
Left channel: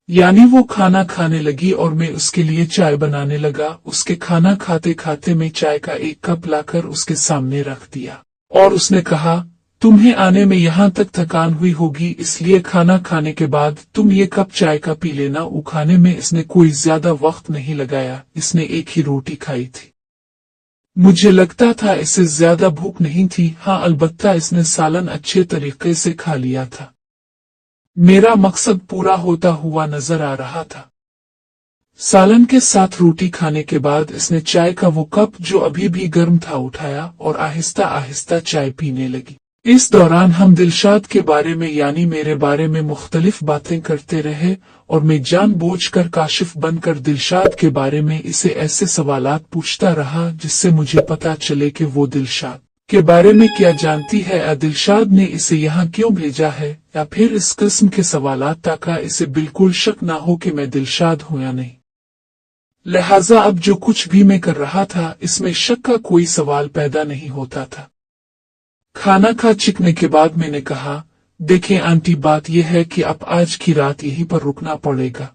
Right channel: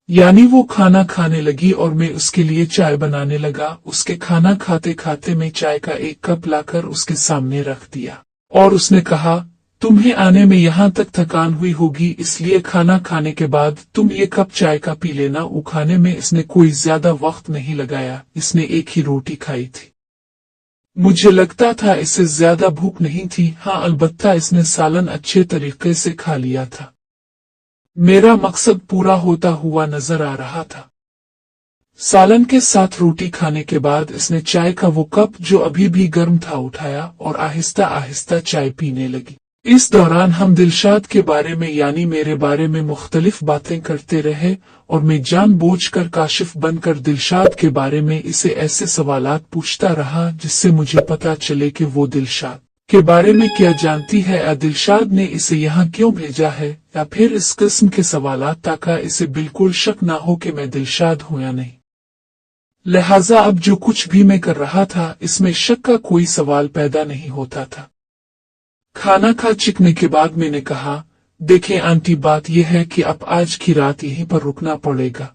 यानी वो खाना खाने लगी और मैं उसके लिए चाय बनाने लगा। उसके खाना खाते खाते मैं चाय का एक कप लाकर उसके सामने रख दिया और उसने कहा, तुम्हें आने में यहाँ तक थकान हुई होगी, इसलिए खाना खाने के बाद तुम ये कप चाय का पी लेना। वो खाने में इसने कोई ज्यादा वक्त नहीं लगाया, इसने एक ही रोटी खाई थी। मुझे लगता था इसे ज्यादा भूख नहीं थी। हाँ, अलबत्ता इसने सालन अच्छे तरीके से खा लिया था। मेरा मकसद पूरा होता हुआ नजर आ रहा था। सालन के साथ रोटी खाने के बाद इसने चाय का वो कप जो अभी भी गर्म था उठाया और आहिस्ता आहिस्ता चाय पीने लगी। इस दौरान हम दिलशाद के बारे में यानी मेरे बारे में मुख्तलिफ बातें करते रहे और मैं जानबूझकर काशिफ बनकर दिलशाद के बारे में इसे ऐसे सवालात पूछता रहा जिससे मुझे पता चले कि वो दिलशाद के बारे में क्या जानती है, या दिलशाद ने इसे यहाँ क्यों भेजा है, या फिर इस किस्म के सवालात ताकि इसे बिल्कुल शक ना हो कि मैं दिलशाद हूँ या नहीं। लिहाजा अब जो कुछ भी मैं कर रहा था इसमें शक का कोई सवाल पैदा नहीं होता था। खाना खा चिकने के बाद मैंने कहा, देखें आंटी, बात यह है कि अब आज की रात यहीं पर रुकना पड़ेगा।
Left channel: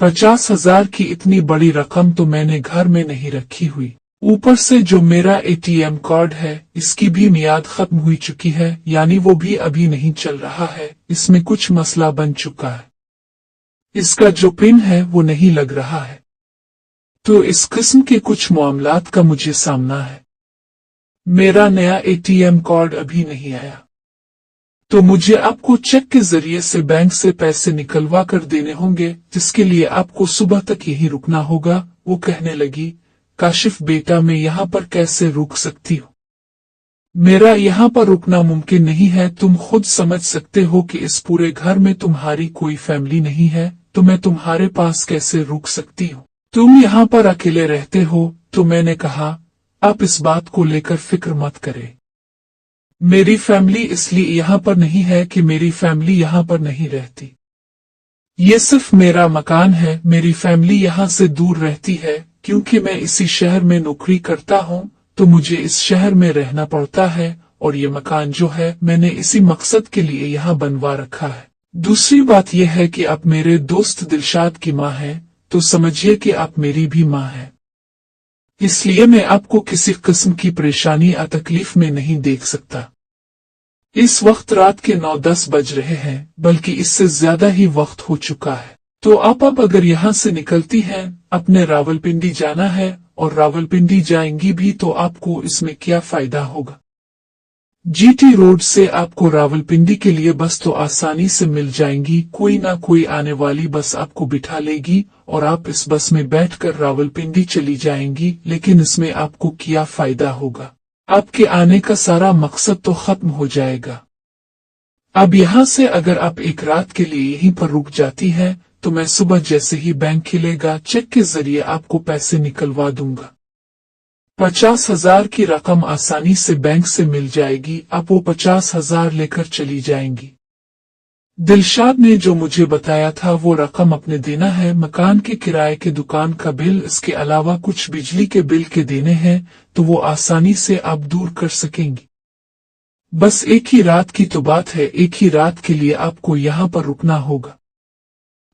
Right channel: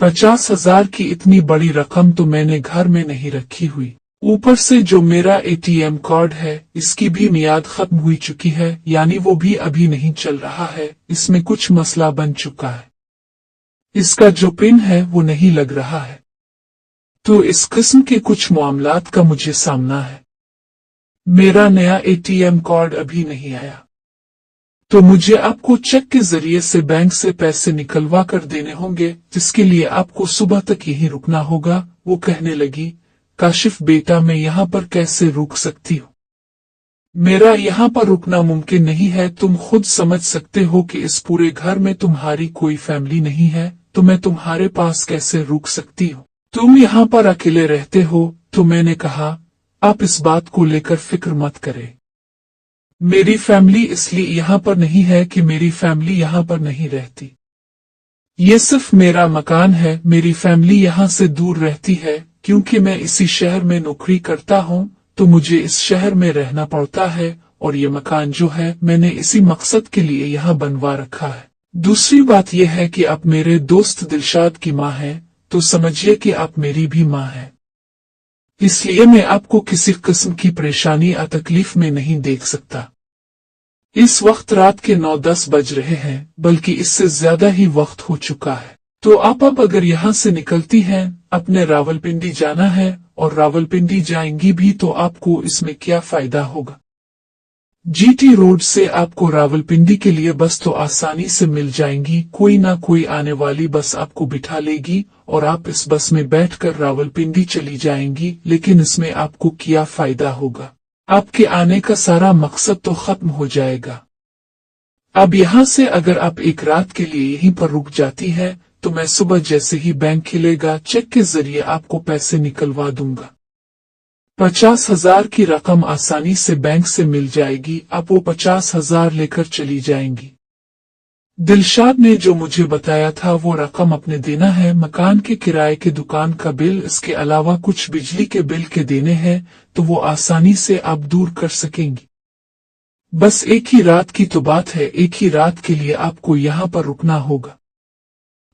50,000 की इतनी बड़ी रकम तो मैंने घर में नहीं रखी हुई। ऊपर से जो मेरा एटीएम कार्ड है इसकी भी मियाद खत्म हुई चुकी है, यानी वो भी अभी नहीं चल रहा है। इसमें कुछ मसला बन चुका है, इसका जो पिन है वो नहीं लग रहा है। तो इस किस्म के कुछ मामलात का मुझे सामना है। मेरा नया एटीएम कार्ड अभी नहीं आया, तो मुझे आपको चेक के जरिए से बैंक से पैसे निकलवा कर देने होंगे, जिसके लिए आपको सुबह तक यहीं रुकना होगा। वो कहने लगी, काशिफ बेटा, मैं यहाँ पर कैसे रुक सकती हूँ? मेरा यहाँ पर रुकना मुमकिन नहीं है। तुम खुद समझ सकते हो कि इस पूरे घर में तुम्हारी कोई फैमिली नहीं है, तो मैं तुम्हारे पास कैसे रुक सकती हूँ? तुम यहाँ पर अकेले रहते हो। तो मैंने कहा, आप इस बात को लेकर फिक्र मत करें। मेरी फैमिली इसलिए यहाँ पर नहीं है कि मेरी फैमिली यहाँ पर नहीं रहती। ये सिर्फ मेरा मकान है। मेरी फैमिली यहाँ से दूर रहती है क्योंकि मैं इसी शहर में नौकरी करता हूँ, तो मुझे इस शहर में रहना पड़ता है और ये मकान जो है मैंने इसी मकसद के लिए यहाँ बनवा रखा है। दूसरी बात यह है कि आप मेरे दोस्त दिलशाद की माँ हैं, तो समझिए कि आप मेरी भी माँ हैं। इसलिए मैं आपको किसी किस्म की परेशानी या तकलीफ में नहीं देख सकता। इस वक्त रात के 9-10 बज रहे हैं, बल्कि इससे ज्यादा ही वक्त हो चुका है। तो आप अब अगर यहाँ से निकलती हैं, अपने रावलपिंडी जाना है और रावलपिंडी जाएंगी भी, तो आपको इसमें क्या फायदा होगा? जीटी रोड से आपको रावलपिंडी के लिए बस तो आसानी से मिल जाएंगी। कोई ना कोई आने वाली बस आपको बिठा लेगी और आप इस बस में बैठकर रावलपिंडी चली जाएंगी। लेकिन इसमें आपको क्या फायदा होगा? आपके आने का सारा मकसद तो खत्म हो जाएगा। अब यहाँ से अगर आप एक रात के लिए यहीं पर रुक जाती हैं, तो मैं सुबह जैसे ही बैंक खुलेगा चेक के जरिए आपको पैसे निकलवा दूंगा। 50,000 की रकम आसानी से बैंक से मिल जाएगी। आप वो 50,000 लेकर चली जाएंगी। दिलशाद ने जो मुझे बताया था वो रकम अपने देना है, मकान के किराए के दुकान का बिल, इसके अलावा कुछ बिजली के बिल के देने हैं, तो वो आसानी से आप दूर कर सकेंगी। बस एक ही रात की तो बात है, एक ही रात के लिए आपको यहाँ पर रुकना होगा।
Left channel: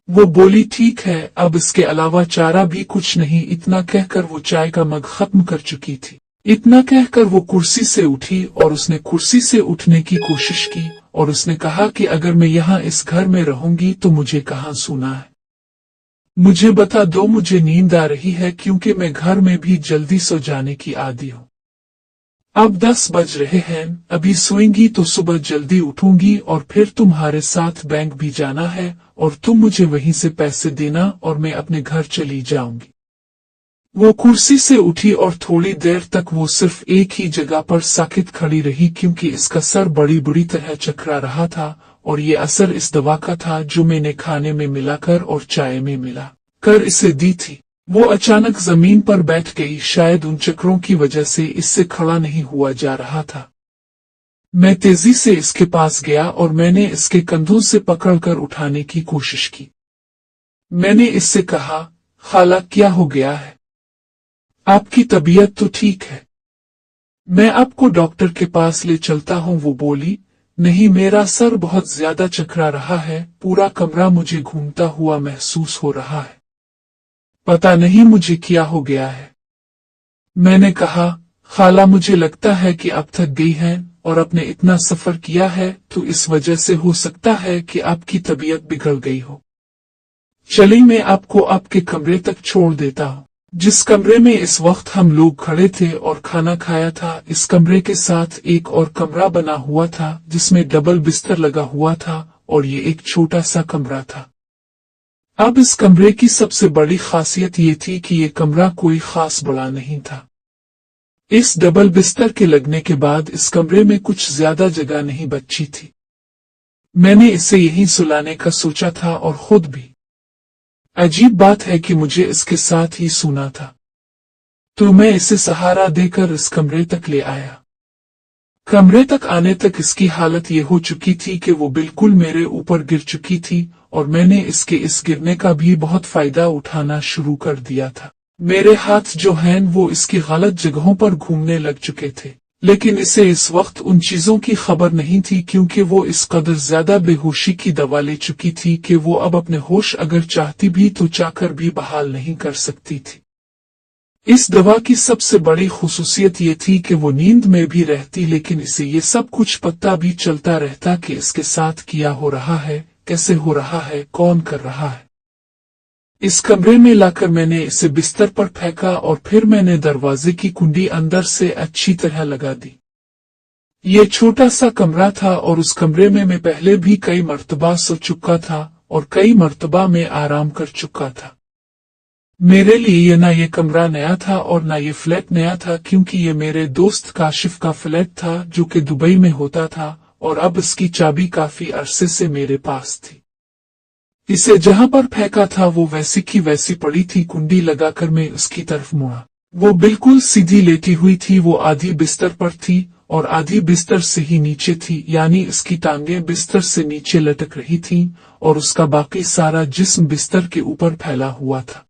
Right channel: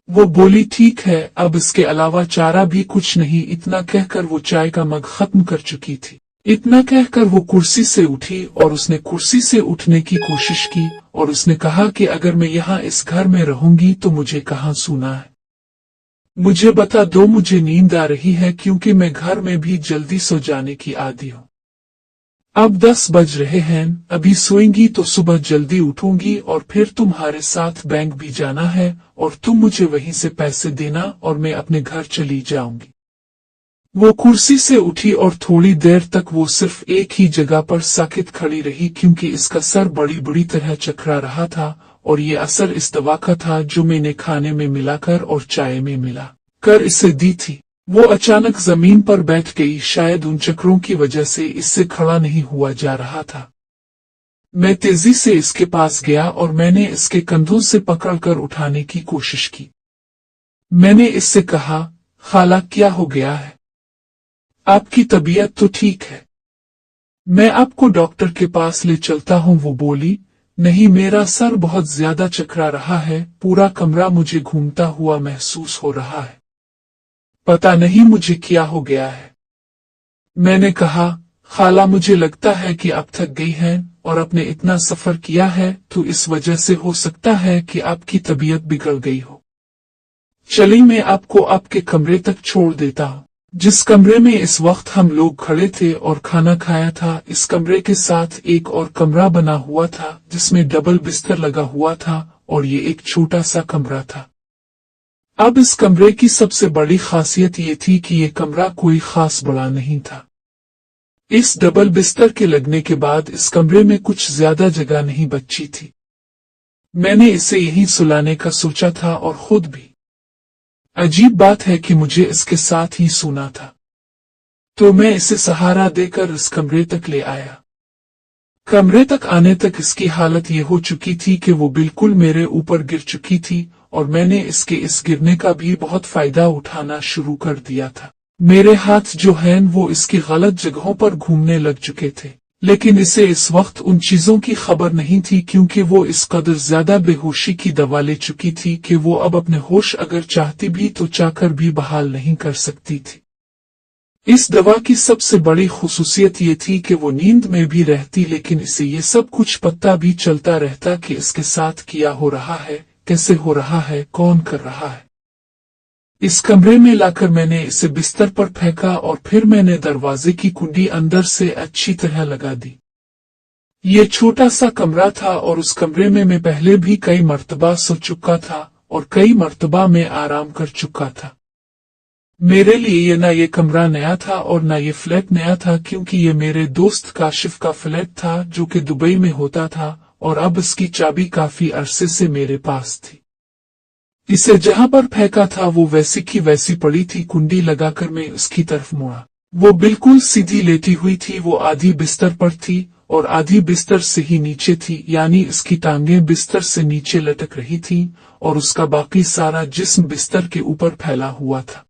वो बोली ठीक है, अब इसके अलावा चारा भी कुछ नहीं। इतना कहकर वो चाय का मग खत्म कर चुकी थी। इतना कहकर वो कुर्सी से उठी और उसने कुर्सी से उठने की कोशिश की और उसने कहा कि अगर मैं यहाँ इस घर में रहूंगी तो मुझे कहाँ सोना है? मुझे बता दो, मुझे नींद आ रही है क्योंकि मैं घर में भी जल्दी सो जाने की आदी हूँ। अब 10 बज रहे हैं, अभी सोएंगी तो सुबह जल्दी उठूंगी और फिर तुम्हारे साथ बैंक भी जाना है और तुम मुझे वहीं से पैसे देना और मैं अपने घर चली जाऊंगी। वो कुर्सी से उठी और थोड़ी देर तक वो सिर्फ एक ही जगह पर साकित खड़ी रही, क्योंकि इसका सर बड़ी बुरी तरह चकरा रहा था और ये असर इस दवा का था जो मैंने खाने में मिलाकर और चाय में मिला कर इसे दी थी। वो अचानक जमीन पर बैठ गई, शायद उन चक्रों की वजह से इससे खड़ा नहीं हुआ जा रहा था। मैं तेजी से इसके पास गया और मैंने इसके कंधों से पकड़कर उठाने की कोशिश की। मैंने इससे कहा, खाला क्या हो गया है? आपकी तबीयत तो ठीक है, मैं आपको डॉक्टर के पास ले चलता हूँ। वो बोली, नहीं, मेरा सर बहुत ज्यादा चकरा रहा है, पूरा कमरा मुझे घूमता हुआ महसूस हो रहा है, पता नहीं मुझे क्या हो गया है। मैंने कहा, खाला मुझे लगता है कि आप थक गई हैं और आपने इतना सफर किया है, तो इस वजह से हो सकता है कि आपकी तबीयत बिगड़ गई हो। चलिए मैं आपको आपके कमरे तक छोड़ देता हूँ। जिस कमरे में इस वक्त हम लोग खड़े थे और खाना खाया था, इस कमरे के साथ एक और कमरा बना हुआ था जिसमें डबल बिस्तर लगा हुआ था और ये एक छोटा सा कमरा था। अब इस कमरे की सबसे बड़ी खासियत ये थी कि ये कमरा कोई खास बड़ा नहीं था। इस डबल बिस्तर के लगने के बाद इस कमरे में कुछ ज्यादा जगह नहीं बची थी। मैंने इसे यहीं सुलाने का सोचा था और खुद भी। अजीब बात है कि मुझे इसके साथ ही सोना था, तो मैं इसे सहारा देकर इस कमरे तक ले आया। कमरे तक आने तक इसकी हालत ये हो चुकी थी कि वो बिल्कुल मेरे ऊपर गिर चुकी थी और मैंने इसके इस गिरने का भी बहुत फायदा उठाना शुरू कर दिया था। मेरे हाथ जो हैं वो इसकी गलत जगहों पर घूमने लग चुके थे, लेकिन इसे इस वक्त उन चीजों की खबर नहीं थी, क्योंकि वो इस कदर ज्यादा बेहोशी की दवा ले चुकी थी कि वो अब अपने होश अगर चाहती भी तो चाहकर भी बहाल नहीं कर सकती थी। इस दवा की सबसे बड़ी खुसूसियत ये थी कि वो नींद में भी रहती, लेकिन इसे ये सब कुछ पता भी चलता रहता कि इसके साथ क्या हो रहा है, कैसे हो रहा है, कौन कर रहा है। इस कमरे में लाकर मैंने इसे बिस्तर पर फेंका और फिर मैंने दरवाजे की कुंडी अंदर से अच्छी तरह लगा दी। ये छोटा सा कमरा था और उस कमरे में मैं पहले भी कई मर्तबा सो चुका था और कई मर्तबा में आराम कर चुका था। मेरे लिए ना ये कमरा नया था और ना ये फ्लैट नया था, क्योंकि ये मेरे दोस्त काशिफ का फ्लैट था जो कि दुबई में होता था और अब इसकी चाबी काफी अरसे से मेरे पास थी। इसे जहां पर फेंका था वो वैसी की वैसी पड़ी थी। कुंडी लगाकर मैं उसकी तरफ मुड़ा। वो बिल्कुल सीधी लेटी हुई थी। वो आधी बिस्तर पर थी और आधी बिस्तर से ही नीचे थी, यानी इसकी टांगें बिस्तर से नीचे लटक रही थीं और उसका बाकी सारा जिस्म बिस्तर के ऊपर फैला हुआ था।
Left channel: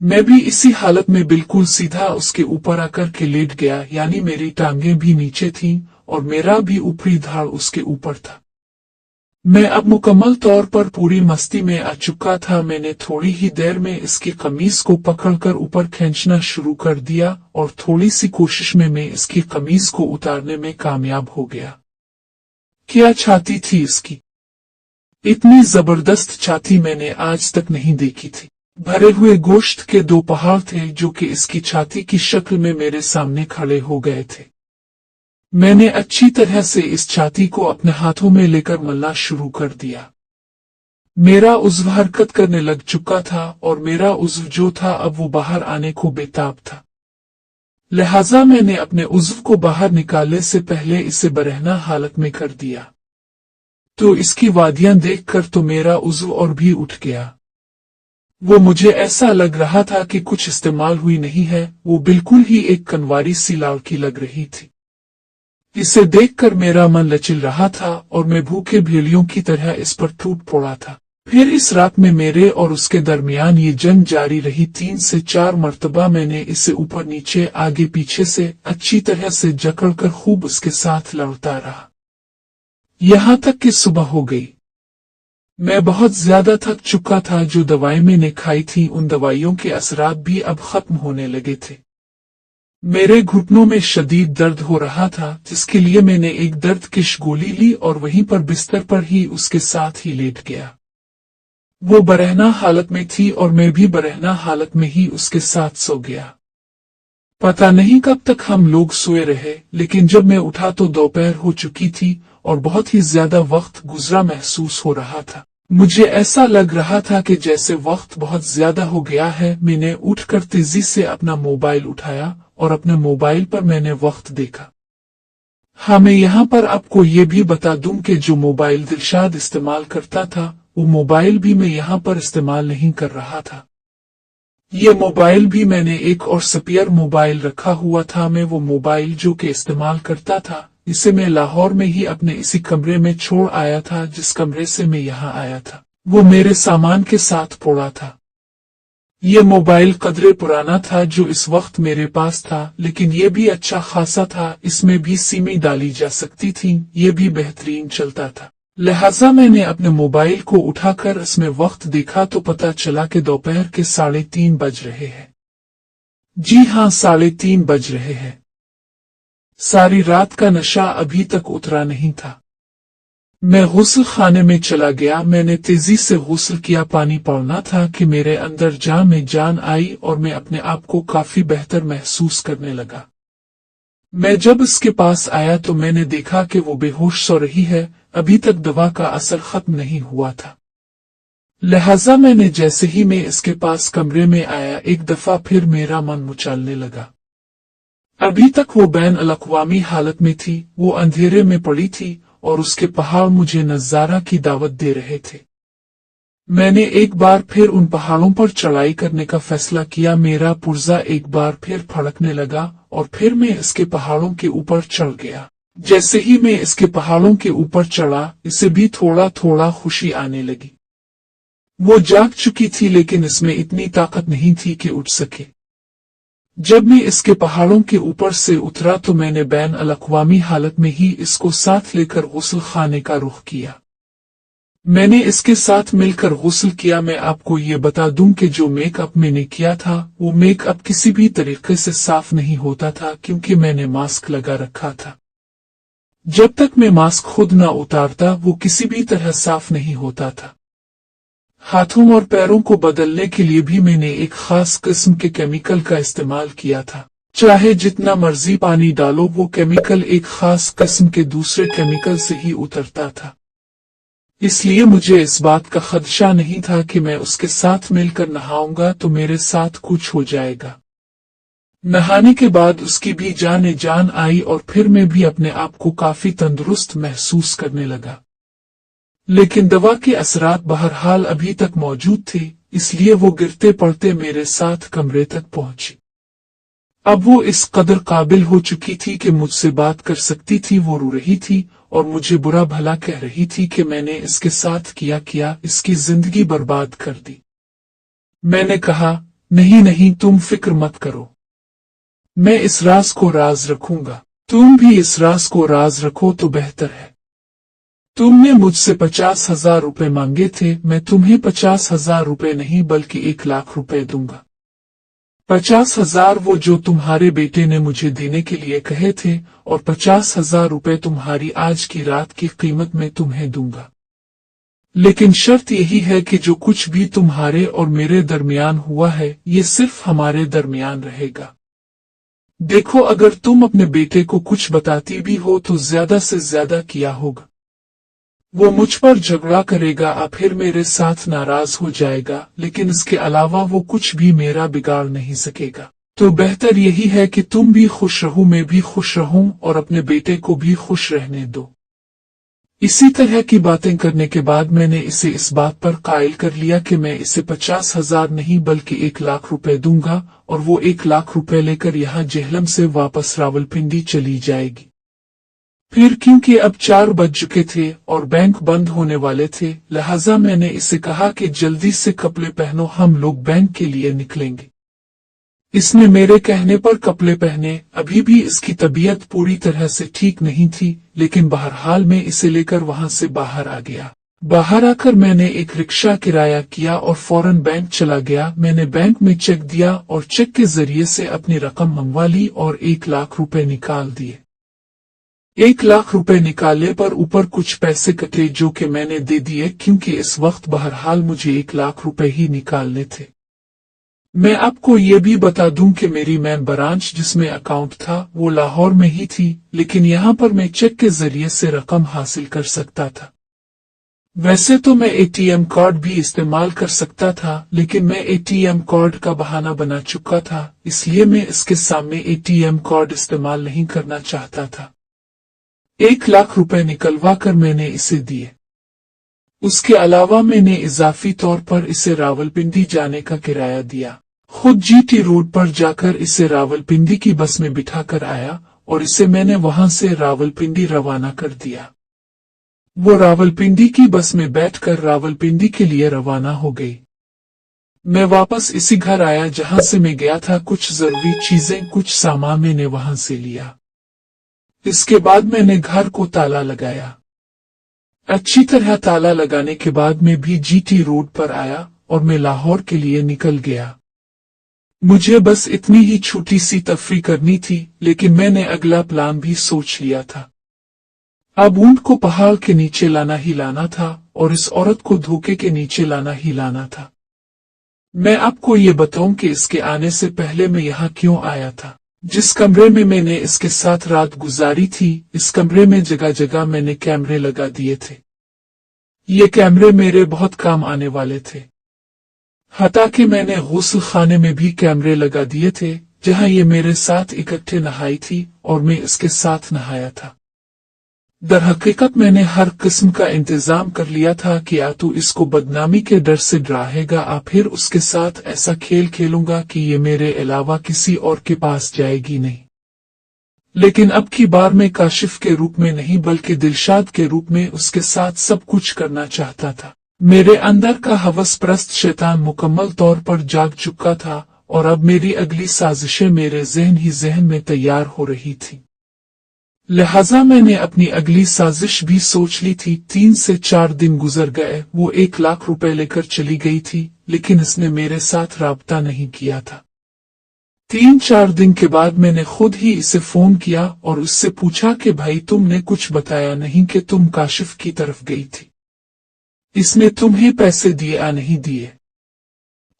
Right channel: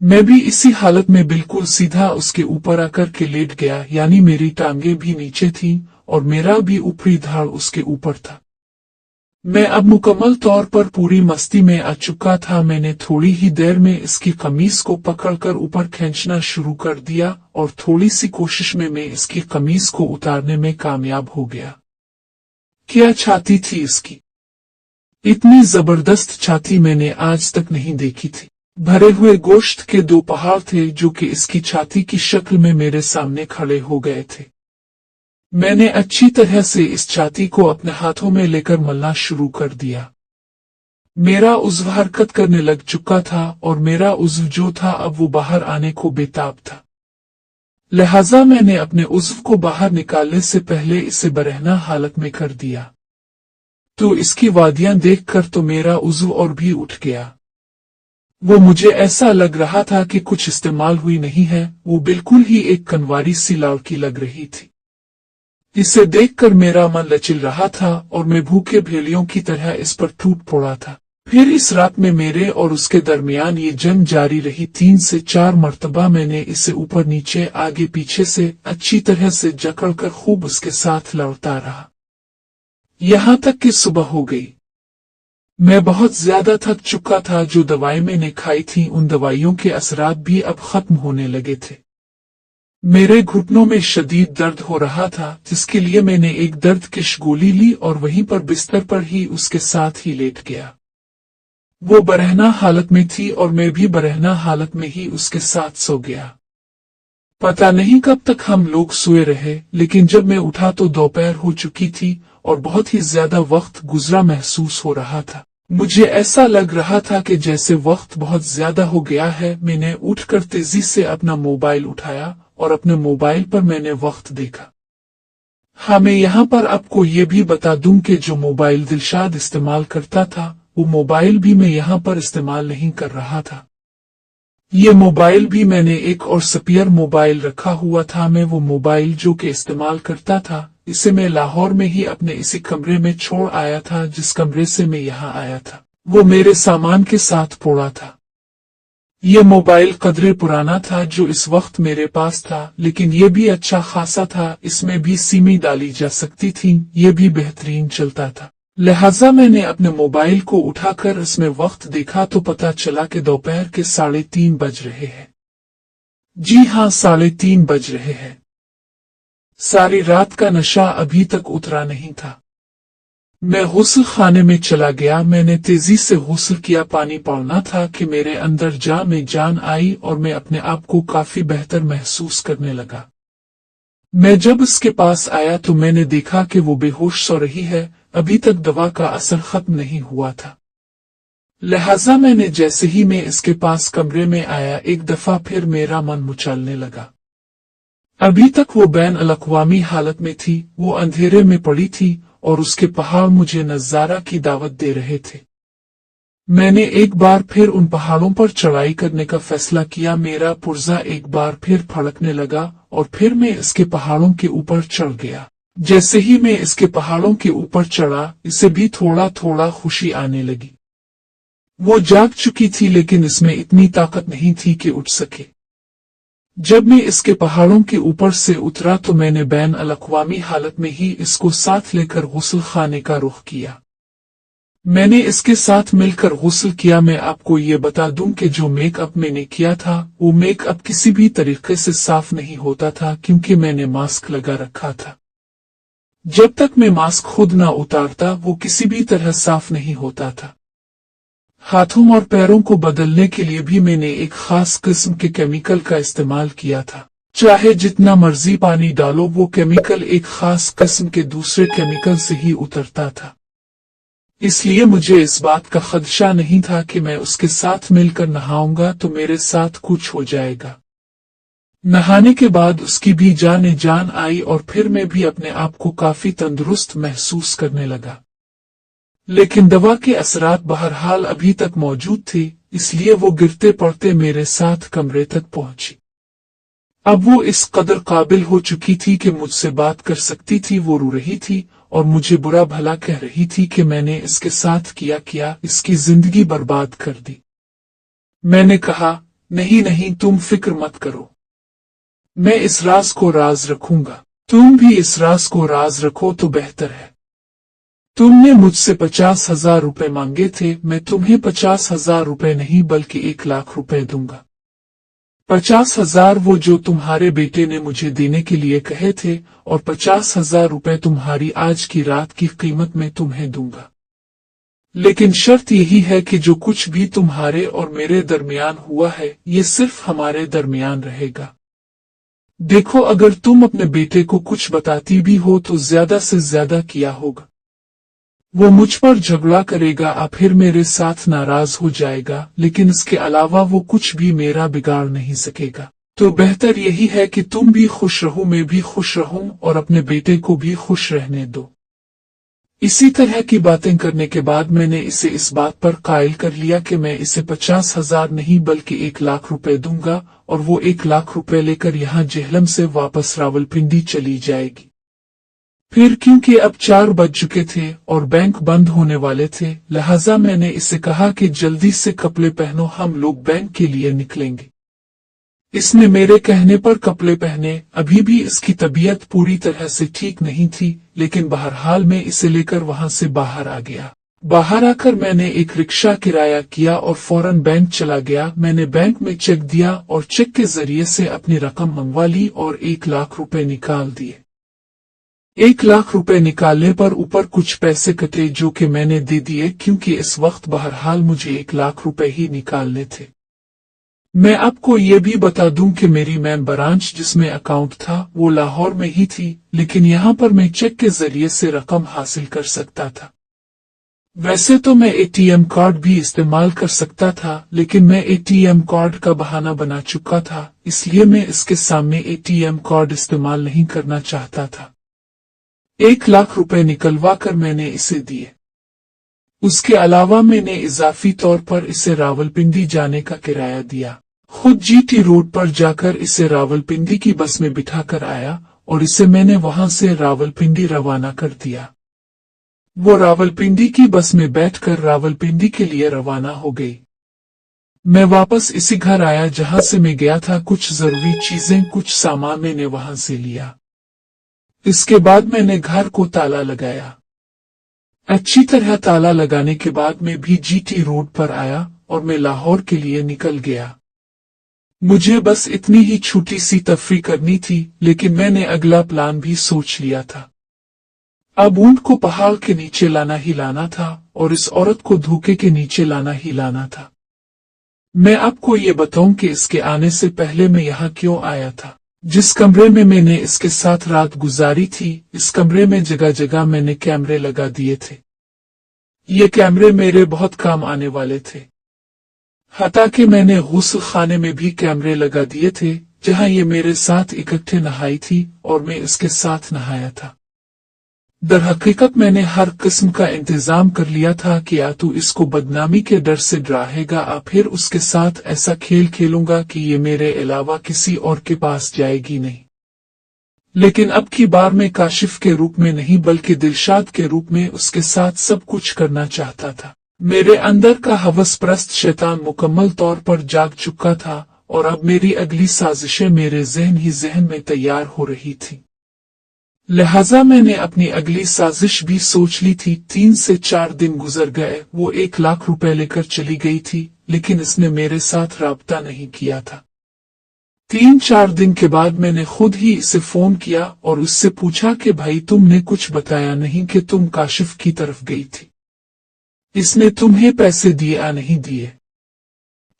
मैं भी इसी हालत में बिल्कुल सीधा उसके ऊपर आकर के लेट गया, यानी मेरी टांगें भी नीचे थीं और मेरा भी ऊपरी धड़ उसके ऊपर था। मैं अब मुकम्मल तौर पर पूरी मस्ती में आ चुका था। मैंने थोड़ी ही देर में इसकी कमीज को पकड़कर ऊपर खींचना शुरू कर दिया और थोड़ी सी कोशिश में मैं इसकी कमीज को उतारने में कामयाब हो गया। क्या छाती थी इसकी! इतनी जबरदस्त छाती मैंने आज तक नहीं देखी थी। भरे हुए गोश्त के दो पहाड़ थे जो कि इसकी छाती की शक्ल में मेरे सामने खड़े हो गए थे। मैंने अच्छी तरह से इस छाती को अपने हाथों में लेकर मलना शुरू कर दिया। मेरा उज़्व हरकत करने लग चुका था और मेरा उज़्व जो था अब वो बाहर आने को बेताब था। लिहाजा मैंने अपने उज़्व को बाहर निकालने से पहले इसे बरहना हालत में कर दिया। तो इसकी वादियां देखकर तो मेरा उज़्व और भी उठ गया। वो मुझे ऐसा लग रहा था कि कुछ इस्तेमाल हुई नहीं है। वो बिल्कुल ही एक कनवारी सी लड़की लग रही थी। इसे देखकर मेरा मन लचिल रहा था और मैं भूखे भेड़ियों की तरह इस पर टूट पड़ा था। फिर इस रात में मेरे और उसके दरमियान ये जंग जारी रही। 3 से 4 मर्तबा मैंने इसे ऊपर नीचे आगे पीछे से अच्छी तरह से जकड़कर खूब उसके साथ लड़ता रहा, यहाँ तक कि सुबह हो गई। मैं बहुत ज्यादा थक चुका था। जो दवाई मैंने खाई थी उन दवाइयों के असरात भी अब खत्म होने लगे थे। मेरे घुटनों में शदीद दर्द हो रहा था, जिसके लिए मैंने एक दर्दकिश गोली ली और वहीं पर बिस्तर पर ही उसके साथ ही लेट गया। वो बरहना हालत में थी और मैं भी बरहना हालत में ही उसके साथ सो गया। पता नहीं कब तक हम लोग सोए रहे, लेकिन जब मैं उठा तो दोपहर हो चुकी थी और बहुत ही ज्यादा वक्त गुजरा महसूस हो रहा था। मुझे ऐसा लग रहा था कि जैसे वक्त बहुत ज्यादा हो गया है। मैंने उठकर तेजी से अपना मोबाइल उठाया और अपने मोबाइल पर मैंने वक्त देखा। हाँ, मैं यहाँ पर आपको ये भी बता दूं कि जो मोबाइल दिलशाद इस्तेमाल करता था वो मोबाइल भी मैं यहाँ पर इस्तेमाल नहीं कर रहा था। ये मोबाइल भी मैंने एक और स्पेयर मोबाइल रखा हुआ था। मैं वो मोबाइल जो कि इस्तेमाल करता था इसे मैं लाहौर में ही अपने इसी कमरे में छोड़ आया था। जिस कमरे से मैं यहाँ आया था वो मेरे सामान के साथ पड़ा था। ये मोबाइल कदरे पुराना था जो इस वक्त मेरे पास था, लेकिन ये भी अच्छा खासा था। इसमें भी सिमें डाली जा सकती थी। ये भी बेहतरीन चलता था। लिहाजा मैंने अपने मोबाइल को उठाकर इसमें वक्त देखा तो पता चला कि दोपहर के 3:30 बज रहे हैं। जी हाँ, 3:30 बज रहे हैं। सारी रात का नशा अभी तक उतरा नहीं था। मैं गुस्ल खाने में चला गया। मैंने तेजी से गुस्ल किया। पानी पड़ना था कि मेरे अंदर जान में जान आई और मैं अपने आप को काफी बेहतर महसूस करने लगा। मैं जब इसके पास आया तो मैंने देखा कि वो बेहोश सो रही है। अभी तक दवा का असर खत्म नहीं हुआ था। लिहाजा मैंने जैसे ही मैं इसके पास कमरे में आया एक दफा फिर मेरा मन मुचलने लगा। अभी तक वो बैन अल-अक़वामी हालत में थी। वो अंधेरे में पड़ी थी और उसके पहाड़ मुझे नज़ारा की दावत दे रहे थे। मैंने एक बार फिर उन पहाड़ों पर चढ़ाई करने का फैसला किया। मेरा पुर्जा एक बार फिर फड़कने लगा और फिर मैं इसके पहाड़ों के ऊपर चढ़ गया। जैसे ही मैं इसके पहाड़ों के ऊपर चढ़ा इसे भी थोड़ा थोड़ा खुशी आने लगी। वो जाग चुकी थी लेकिन इसमें इतनी ताकत नहीं थी कि उठ सके। जब मैं इसके पहाड़ों के ऊपर से उतरा तो मैंने बैन अल-अक़वामी हालत में ही इसको साथ लेकर गुस्ल खाने का रुख किया। मैंने इसके साथ मिलकर गुस्ल किया। मैं आपको ये बता दूं कि जो मेकअप मैंने किया था वो मेकअप किसी भी तरीके से साफ नहीं होता था क्योंकि मैंने मास्क लगा रखा था। जब तक मैं मास्क खुद न उतारता वो किसी भी तरह साफ नहीं होता था। हाथों और पैरों को बदलने के लिए भी मैंने एक खास किस्म के केमिकल का इस्तेमाल किया था। चाहे जितना मर्जी पानी डालो वो केमिकल एक खास किस्म के दूसरे केमिकल से ही उतरता था। इसलिए मुझे इस बात का खदशा नहीं था कि मैं उसके साथ मिलकर नहाऊंगा तो मेरे साथ कुछ हो जाएगा। नहाने के बाद उसकी भी जान आई और फिर मैं भी अपने आप को काफी तंदुरुस्त महसूस करने लगा। लेकिन दवा के असरात बहरहाल अभी तक मौजूद थे, इसलिए वो गिरते पड़ते मेरे साथ कमरे तक पहुंची। अब वो इस कदर काबिल हो चुकी थी कि मुझसे बात कर सकती थी। वो रो रही थी और मुझे बुरा भला कह रही थी कि मैंने इसके साथ किया इसकी जिंदगी बर्बाद कर दी। मैंने कहा, नहीं नहीं, तुम फिक्र मत करो, मैं इस राज को राज रखूंगा। तुम भी इस राज को राज रखो तो बेहतर है। तुमने मुझसे 50,000 रुपए मांगे थे, मैं तुम्हें 50,000 रुपए नहीं बल्कि 1,00,000 रुपए दूंगा। 50,000 वो जो तुम्हारे बेटे ने मुझे देने के लिए कहे थे, और 50,000 रुपए तुम्हारी आज की रात की कीमत में तुम्हें दूंगा। लेकिन शर्त यही है कि जो कुछ भी तुम्हारे और मेरे दरमियान हुआ है, ये सिर्फ हमारे दरमियान रहेगा। देखो, अगर तुम अपने बेटे को कुछ बताती भी हो तो ज्यादा से ज्यादा किया होगा। वो मुझ पर झगड़ा करेगा और फिर मेरे साथ नाराज हो जाएगा, लेकिन इसके अलावा वो कुछ भी मेरा बिगाड़ नहीं सकेगा। तो बेहतर यही है कि तुम भी खुश रहो, मैं भी खुश रहूं और अपने बेटे को भी खुश रहने दो। इसी तरह की बातें करने के बाद मैंने इसे इस बात पर कायल कर लिया कि मैं इसे 50,000 नहीं बल्कि 1,00,000 रुपए दूंगा, और वो 1,00,000 रुपए लेकर यहाँ जेहलम से वापस रावलपिंडी चली जाएगी। फिर क्योंकि अब 4 बज चुके थे और बैंक बंद होने वाले थे, लिहाजा मैंने इसे कहा कि जल्दी से कपड़े पहनो, हम लोग बैंक के लिए निकलेंगे। इसने मेरे कहने पर कपड़े पहने। अभी भी इसकी तबीयत पूरी तरह से ठीक नहीं थी, लेकिन बहरहाल मैं इसे लेकर वहां से बाहर आ गया। बाहर आकर मैंने एक रिक्शा किराया किया और फौरन बैंक चला गया। मैंने बैंक में चेक दिया और चेक के जरिए से अपनी रकम मंगवा ली और 1,00,000 रुपए निकाल दिए। 1,00,000 रुपए निकालने पर ऊपर कुछ पैसे कटे जो कि मैंने दे दिए, क्योंकि इस वक्त बहरहाल मुझे 1,00,000 रुपए ही निकालने थे। मैं आपको ये भी बता दूं कि मेरी मेन ब्रांच जिसमें अकाउंट था वो लाहौर में ही थी, लेकिन यहाँ पर मैं चेक के जरिए से रकम हासिल कर सकता था। वैसे तो मैं एटीएम कार्ड भी इस्तेमाल कर सकता था, लेकिन मैं एटीएम कार्ड का बहाना बना चुका था, इसलिए मैं इसके सामने एटीएम कार्ड इस्तेमाल नहीं करना चाहता था। 1,00,000 रुपए निकलवा कर मैंने इसे दिए। उसके अलावा मैंने इजाफी तौर पर इसे रावलपिंडी जाने का किराया दिया। खुद जीटी रोड पर जाकर इसे रावलपिंडी की बस में बिठा कर आया और इसे मैंने वहां से रावलपिंडी रवाना कर दिया। वो रावलपिंडी की बस में बैठकर रावलपिंडी के लिए रवाना हो गई। मैं वापस इसी घर आया जहां से मैं गया था। कुछ जरूरी चीजें, कुछ सामान मैंने वहां से लिया। इसके बाद मैंने घर को ताला लगाया। अच्छी तरह ताला लगाने के बाद मैं भी जीटी रोड पर आया और मैं लाहौर के लिए निकल गया। मुझे बस इतनी ही छोटी सी तफरी करनी थी, लेकिन मैंने अगला प्लान भी सोच लिया था। अब ऊंट को पहाड़ के नीचे लाना ही लाना था और इस औरत को धोखे के नीचे लाना ही लाना था। मैं आपको ये बताऊं कि इसके आने से पहले मैं यहाँ क्यों आया था। जिस कमरे में मैंने इसके साथ रात गुजारी थी, इस कमरे में जगह जगह मैंने कैमरे लगा दिए थे। ये कैमरे मेरे बहुत काम आने वाले थे। हता कि मैंने गुस्ल खाने में भी कैमरे लगा दिए थे, जहां ये मेरे साथ इकट्ठे नहाई थी और मैं इसके साथ नहाया था। दरहकीकत मैंने हर किस्म का इंतजाम कर लिया था कि या तो इसको बदनामी के डर से डराएगा या फिर उसके साथ ऐसा खेल खेलूंगा कि ये मेरे अलावा किसी और के पास जाएगी नहीं। लेकिन अब की बार मैं काशिफ के रूप में नहीं बल्कि दिलशाद के रूप में उसके साथ सब कुछ करना चाहता था। मेरे अंदर का हवसप्रस्त शैतान मुकम्मल तौर पर जाग चुका था और अब मेरी अगली साजिशें मेरे जहन में तैयार हो रही थी। लिहाजा मैंने अपनी अगली साजिश भी सोच ली थी। 3 से 4 दिन गुजर गए। वो 1,00,000 रुपए लेकर चली गई थी, लेकिन इसने मेरे साथ राब्ता नहीं किया था। 3-4 दिन के बाद मैंने खुद ही इसे फोन किया और उससे पूछा कि भाई, तुमने कुछ बताया नहीं कि तुम काशिफ की तरफ गई थी। इसने तुम्हें पैसे दिए या नहीं दिए?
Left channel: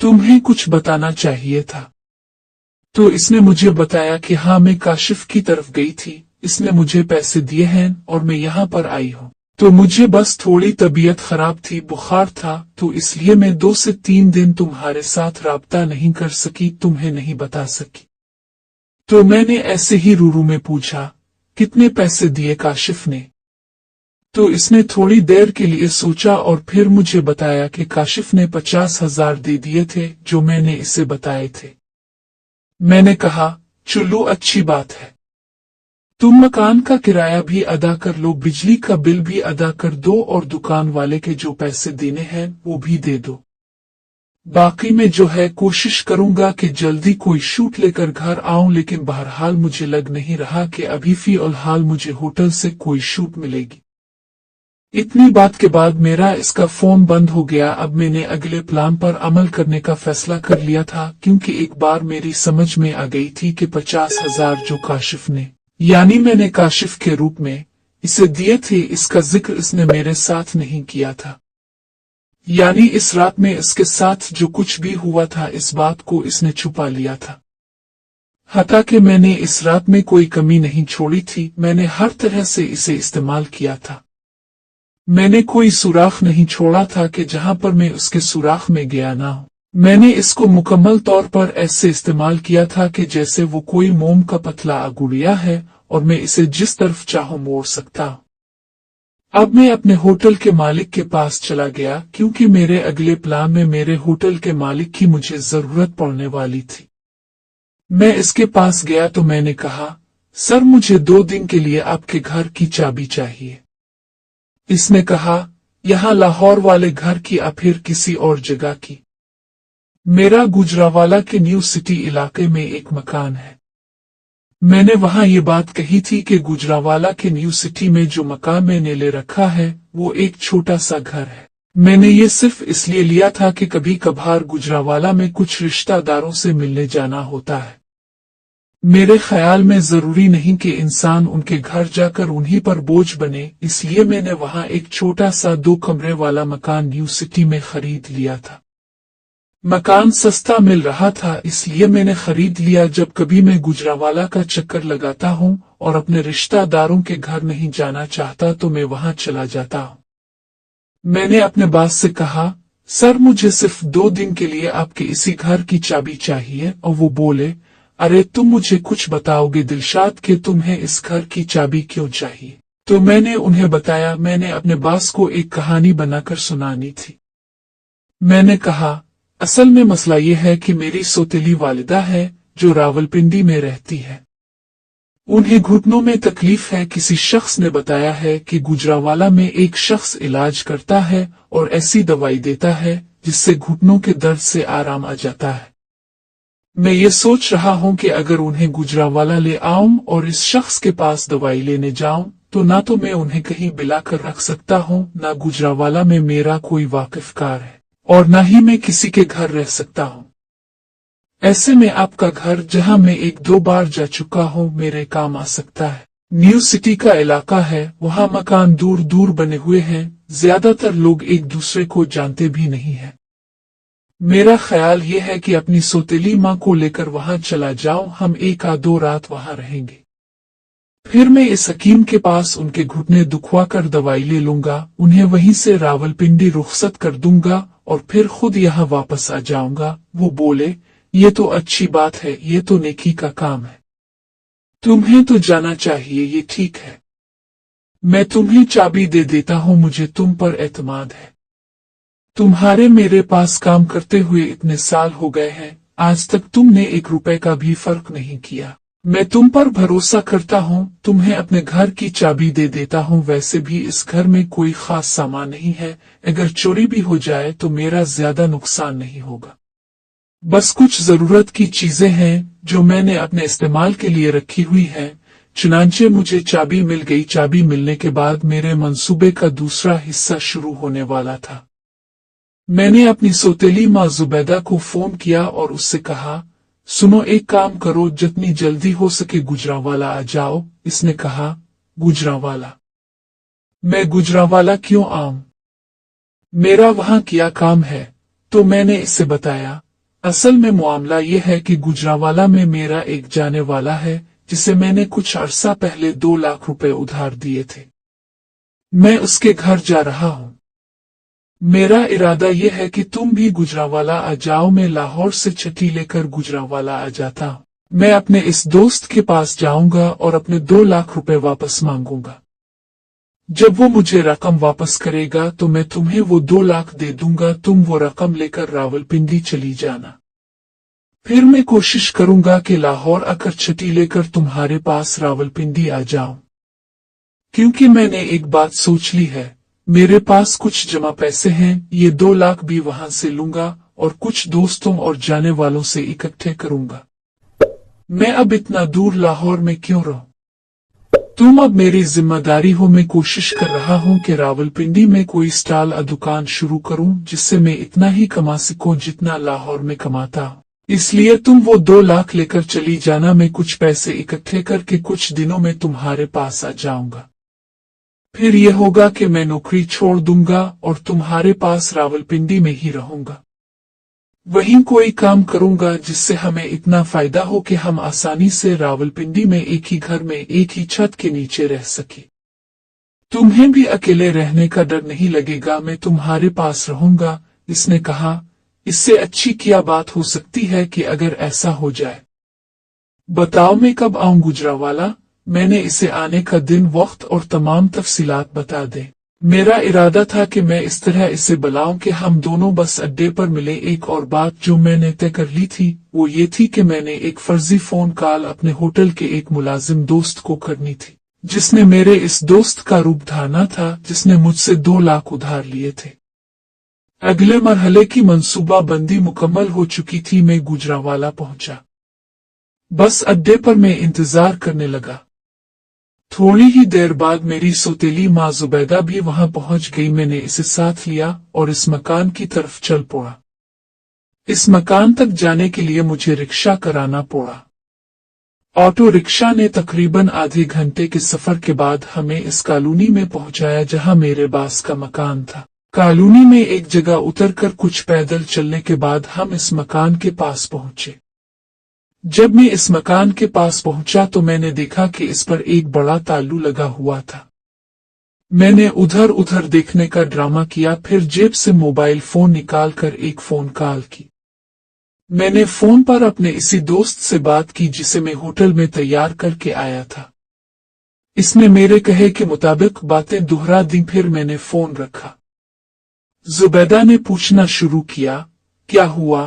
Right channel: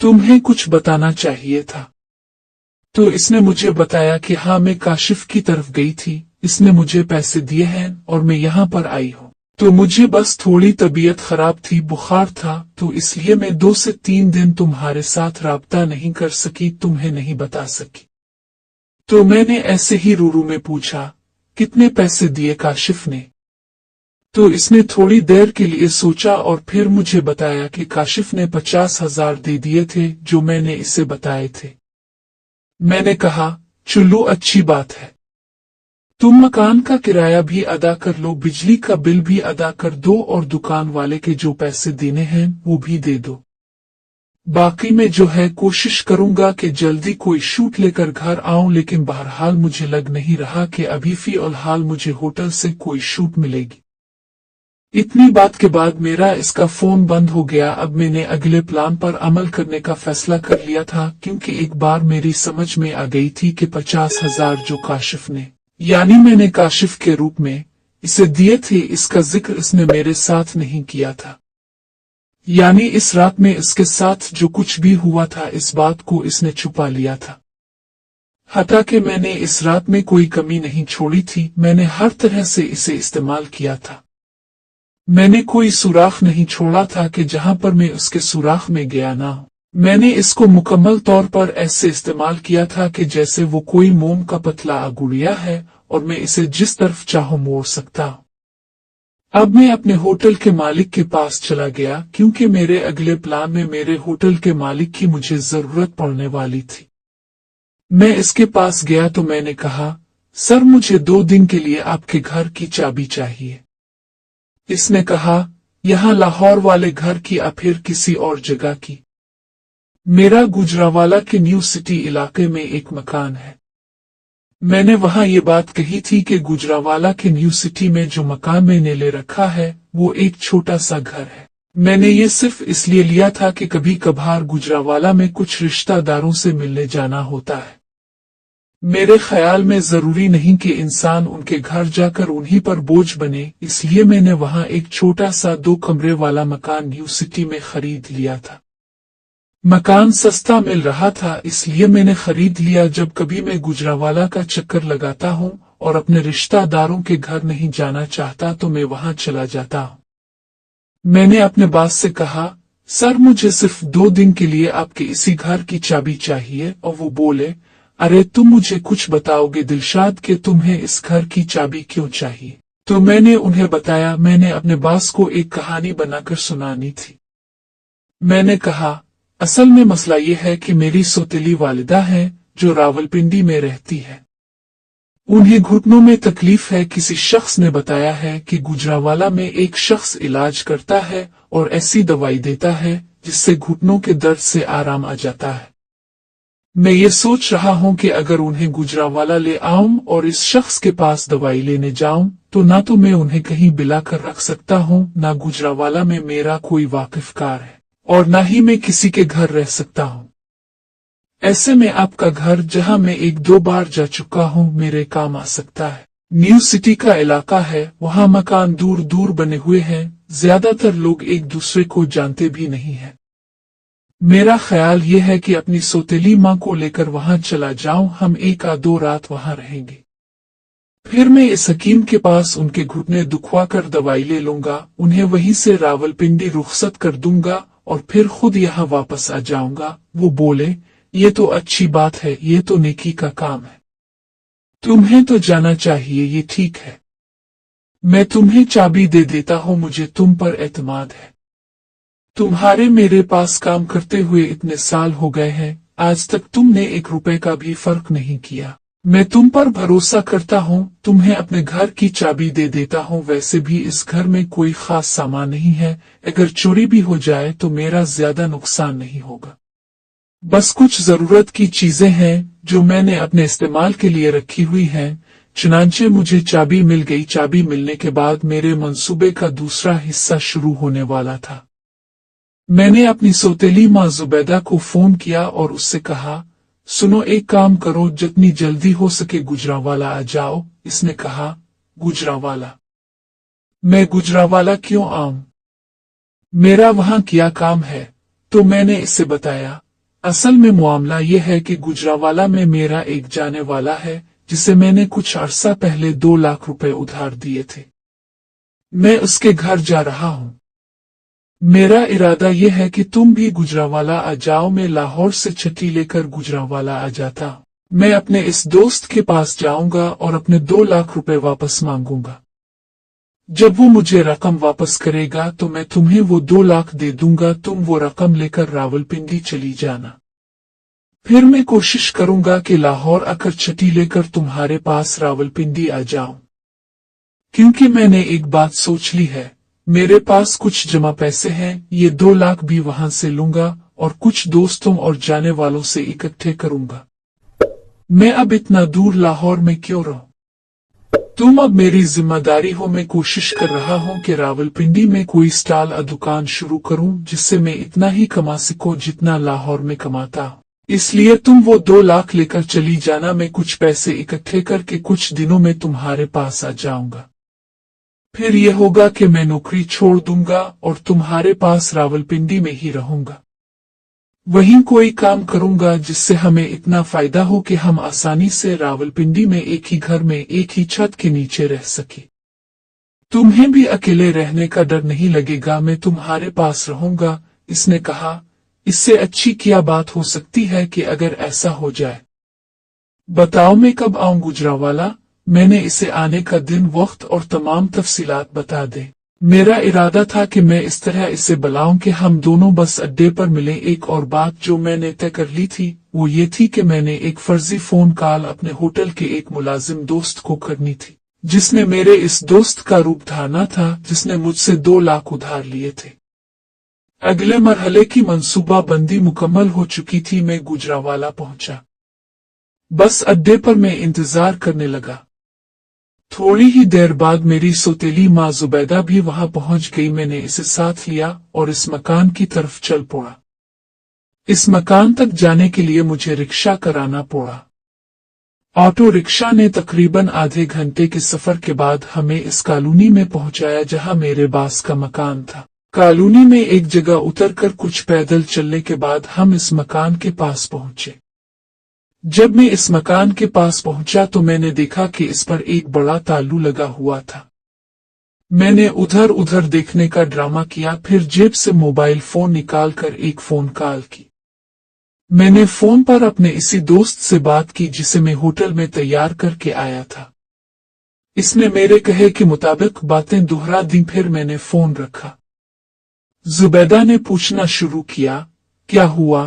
तुम्हें कुछ बताना चाहिए था। तो इसने मुझे बताया कि हाँ, मैं काशिफ की तरफ गई थी, इसने मुझे पैसे दिए हैं और मैं यहाँ पर आई हूँ। तो मुझे बस थोड़ी तबीयत खराब थी, बुखार था, तो इसलिए मैं 2 से 3 दिन तुम्हारे साथ राब्ता नहीं कर सकी, तुम्हें नहीं बता सकी। तो मैंने ऐसे ही रूरू में पूछा, कितने पैसे दिए काशिफ ने? तो इसने थोड़ी देर के लिए सोचा और फिर मुझे बताया कि काशिफ ने 50,000 दे दिए थे जो मैंने इसे बताए थे। मैंने कहा, चलो अच्छी बात है, तुम मकान का किराया भी अदा कर लो, बिजली का बिल भी अदा कर दो और दुकान वाले के जो पैसे देने हैं वो भी दे दो। बाकी में जो है कोशिश करूंगा कि जल्दी कोई शूट लेकर घर आऊं, लेकिन बहरहाल मुझे लग नहीं रहा कि अभी फिलहाल मुझे होटल से कोई शूट मिलेगी। इतनी बात के बाद मेरा इसका फोन बंद हो गया। अब मैंने अगले प्लान पर अमल करने का फैसला कर लिया था, क्योंकि एक बार मेरी समझ में आ गई थी कि 50,000 जो काशिफ ने, यानी मैंने काशिफ के रूप में इसे दिए थे, इसका जिक्र इसने मेरे साथ नहीं किया था। यानी इस रात में इसके साथ जो कुछ भी हुआ था, इस बात को इसने छुपा लिया था। हता कि मैंने इस रात में कोई कमी नहीं छोड़ी थी, मैंने हर तरह से इसे इस्तेमाल किया था। मैंने कोई सुराख नहीं छोड़ा था कि जहां पर मैं उसके सुराख में गया ना हूं। मैंने इसको मुकम्मल तौर पर ऐसे इस्तेमाल किया था कि जैसे वो कोई मोम का पतला गुड़िया है और मैं इसे जिस तरफ चाहूं मोड़ सकता हूं। अब मैं अपने होटल के मालिक के पास चला गया, क्योंकि मेरे अगले प्लान में मेरे होटल के मालिक की मुझे जरूरत पड़ने वाली थी। मैं इसके पास गया तो मैंने कहा, सर मुझे 2 दिन के लिए आपके घर की चाबी चाहिए। इसने कहा, यहाँ लाहौर वाले घर की या फिर किसी और जगह की? मेरा गुजरावाला के न्यू सिटी इलाके में एक मकान है। मैंने वहां ये बात कही थी कि गुजरावाला के न्यू सिटी में जो मकान मैंने ले रखा है वो एक छोटा सा घर है। मैंने ये सिर्फ इसलिए लिया था कि कभी कभार गुजरावाला में कुछ रिश्तेदारों से मिलने जाना होता है। मेरे ख्याल में जरूरी नहीं कि इंसान उनके घर जाकर उन्हीं पर बोझ बने, इसलिए मैंने वहां एक छोटा सा 2 कमरे वाला मकान न्यू सिटी में खरीद लिया था। मकान सस्ता मिल रहा था, इसलिए मैंने खरीद लिया। जब कभी मैं गुजरावाला का चक्कर लगाता हूं और अपने रिश्तेदारों के घर नहीं जाना चाहता तो मैं वहां चला जाता हूं। मैंने अपने बॉस से कहा, सर मुझे सिर्फ 2 दिन के लिए आपके इसी घर की चाबी चाहिए। और वो बोले, अरे तुम मुझे कुछ बताओगे दिलशाद कि तुम्हें इस घर की चाबी क्यों चाहिए? तो मैंने उन्हें बताया, मैंने अपने बॉस को एक कहानी बनाकर सुनानी थी। मैंने कहा, असल में मसला ये है कि मेरी सौतेली वालिदा है जो रावलपिंडी में रहती है। उन्हें घुटनों में तकलीफ है। किसी शख्स ने बताया है कि गुजरावाला में एक शख्स इलाज करता है और ऐसी दवाई देता है जिससे घुटनों के दर्द से आराम आ जाता है। मैं ये सोच रहा हूं कि अगर उन्हें गुजरावाला ले आऊं और इस शख्स के पास दवाई लेने जाऊं तो ना तो मैं उन्हें कहीं बिलाकर रख सकता हूं, ना गुजरावाला में मेरा कोई वाकिफकार है, और ना ही मैं किसी के घर रह सकता हूं। ऐसे में आपका घर, जहां मैं 1-2 बार जा चुका हूं, मेरे काम आ सकता है। न्यू सिटी का इलाका है, वहां मकान दूर दूर बने हुए हैं, ज्यादातर लोग एक दूसरे को जानते भी नहीं है। मेरा ख्याल यह है कि अपनी सौतेली माँ को लेकर वहां चला जाऊं, हम 1-2 रात वहां रहेंगे। फिर मैं इस हकीम के पास उनके घुटने दुखवा कर दवाई ले लूंगा, उन्हें वहीं से रावलपिंडी रुखसत कर दूंगा और फिर खुद यहाँ वापस आ जाऊंगा। वो बोले, ये तो अच्छी बात है, ये तो नेकी का काम है, तुम्हें तो जाना चाहिए, ये ठीक है। मैं तुम्हें चाबी दे देता हूँ, मुझे तुम पर एतमाद है। तुम्हारे मेरे पास काम करते हुए इतने साल हो गए हैं, आज तक तुमने 1 रुपए का भी फर्क नहीं किया। मैं तुम पर भरोसा करता हूँ, तुम्हें अपने घर की चाबी दे देता हूँ। वैसे भी इस घर में कोई खास सामान नहीं है, अगर चोरी भी हो जाए तो मेरा ज्यादा नुकसान नहीं होगा। बस कुछ जरूरत की चीजें हैं जो मैंने अपने इस्तेमाल के लिए रखी हुई हैं। चुनांचे मुझे चाबी मिल गई। चाबी मिलने के बाद मेरे मंसूबे का दूसरा हिस्सा शुरू होने वाला था। मैंने अपनी सौतेली माँ जुबैदा को फोन किया और उससे कहा, सुनो एक काम करो, जितनी जल्दी हो सके गुजरावाला आ जाओ। इसने कहा, गुजरावाला? मैं गुजरावाला क्यों आऊं? मेरा वहां क्या काम है? तो मैंने इससे बताया, असल में मामला यह है कि गुजरावाला में मेरा एक जाने वाला है जिसे मैंने कुछ अरसा पहले 2 लाख रुपए उधार दिए थे। मैं उसके घर जा रहा हूं। मेरा इरादा यह है कि तुम भी गुजरावाला आ जाओ। मैं लाहौर से छठी लेकर गुजरावाला आ जाता हूं। मैं अपने इस दोस्त के पास जाऊंगा और अपने 2 लाख रुपए वापस मांगूंगा। जब वो मुझे रकम वापस करेगा तो मैं तुम्हें वो 2 लाख दे दूंगा। तुम वो रकम लेकर रावलपिंडी चली जाना। फिर मैं कोशिश करूंगा कि लाहौर आकर छठी लेकर तुम्हारे पास रावलपिंडी आ जाऊं। क्योंकि मैंने एक बात सोच ली है, मेरे पास कुछ जमा पैसे हैं, ये 2 लाख भी वहां से लूंगा और कुछ दोस्तों और जाने वालों से इकट्ठे करूंगा। मैं अब इतना दूर लाहौर में क्यों रहूं? तुम अब मेरी जिम्मेदारी हो। मैं कोशिश कर रहा हूं कि रावलपिंडी में कोई स्टॉल या दुकान शुरू करूं जिससे मैं इतना ही कमा सकूं जितना लाहौर में कमाता हूं। इसलिए तुम वो 2 लाख लेकर चली जाना। मैं कुछ पैसे इकट्ठे करके कुछ दिनों में तुम्हारे पास आ जाऊंगा। फिर यह होगा कि मैं नौकरी छोड़ दूंगा और तुम्हारे पास रावलपिंडी में ही रहूंगा। वहीं कोई काम करूंगा जिससे हमें इतना फायदा हो कि हम आसानी से रावलपिंडी में एक ही घर में एक ही छत के नीचे रह सके। तुम्हें भी अकेले रहने का डर नहीं लगेगा। मैं तुम्हारे पास रहूंगा। इसने कहा, इससे अच्छी क्या बात हो सकती है कि अगर ऐसा हो जाए। बताओ मैं कब आऊं गुजरावाला? मैंने इसे आने का दिन, वक्त और तमाम तफसीलात बता दे। मेरा इरादा था कि मैं इस तरह इसे बुलाऊं कि हम दोनों बस अड्डे पर मिले। एक और बात जो मैंने तय कर ली थी वो ये थी कि मैंने एक फर्जी फोन कॉल अपने होटल के एक मुलाजिम दोस्त को करनी थी, जिसने मेरे इस दोस्त का रूप धारना था, जिसने मुझसे 2 लाख उधार लिए थे। अगले मरहले की मंसूबाबंदी मुकम्मल हो चुकी थी। मैं गुजरावाला पहुंचा। बस अड्डे पर मैं इंतजार करने लगा। थोड़ी ही देर बाद मेरी सौतेली माँ जुबैदा भी वहां पहुंच गई। मैंने इसे साथ लिया और इस मकान की तरफ चल पड़ा। इस मकान तक जाने के लिए मुझे रिक्शा कराना पड़ा। ऑटो रिक्शा ने तकरीबन आधे घंटे के सफर के बाद हमें इस कॉलोनी में पहुंचाया जहां मेरे बास का मकान था। कॉलोनी में एक जगह उतरकर कुछ पैदल चलने के बाद हम इस मकान के पास पहुंचे। जब मैं इस मकान के पास पहुंचा तो मैंने देखा कि इस पर एक बड़ा तालू लगा हुआ था। मैंने उधर उधर देखने का ड्रामा किया, फिर जेब से मोबाइल फोन निकालकर एक फोन कॉल की। मैंने फोन पर अपने इसी दोस्त से बात की जिसे मैं होटल में तैयार करके आया था। इसने मेरे कहे के मुताबिक बातें दोहरा दी। फिर मैंने फोन रखा। जुबैदा ने पूछना शुरू किया, क्या हुआ?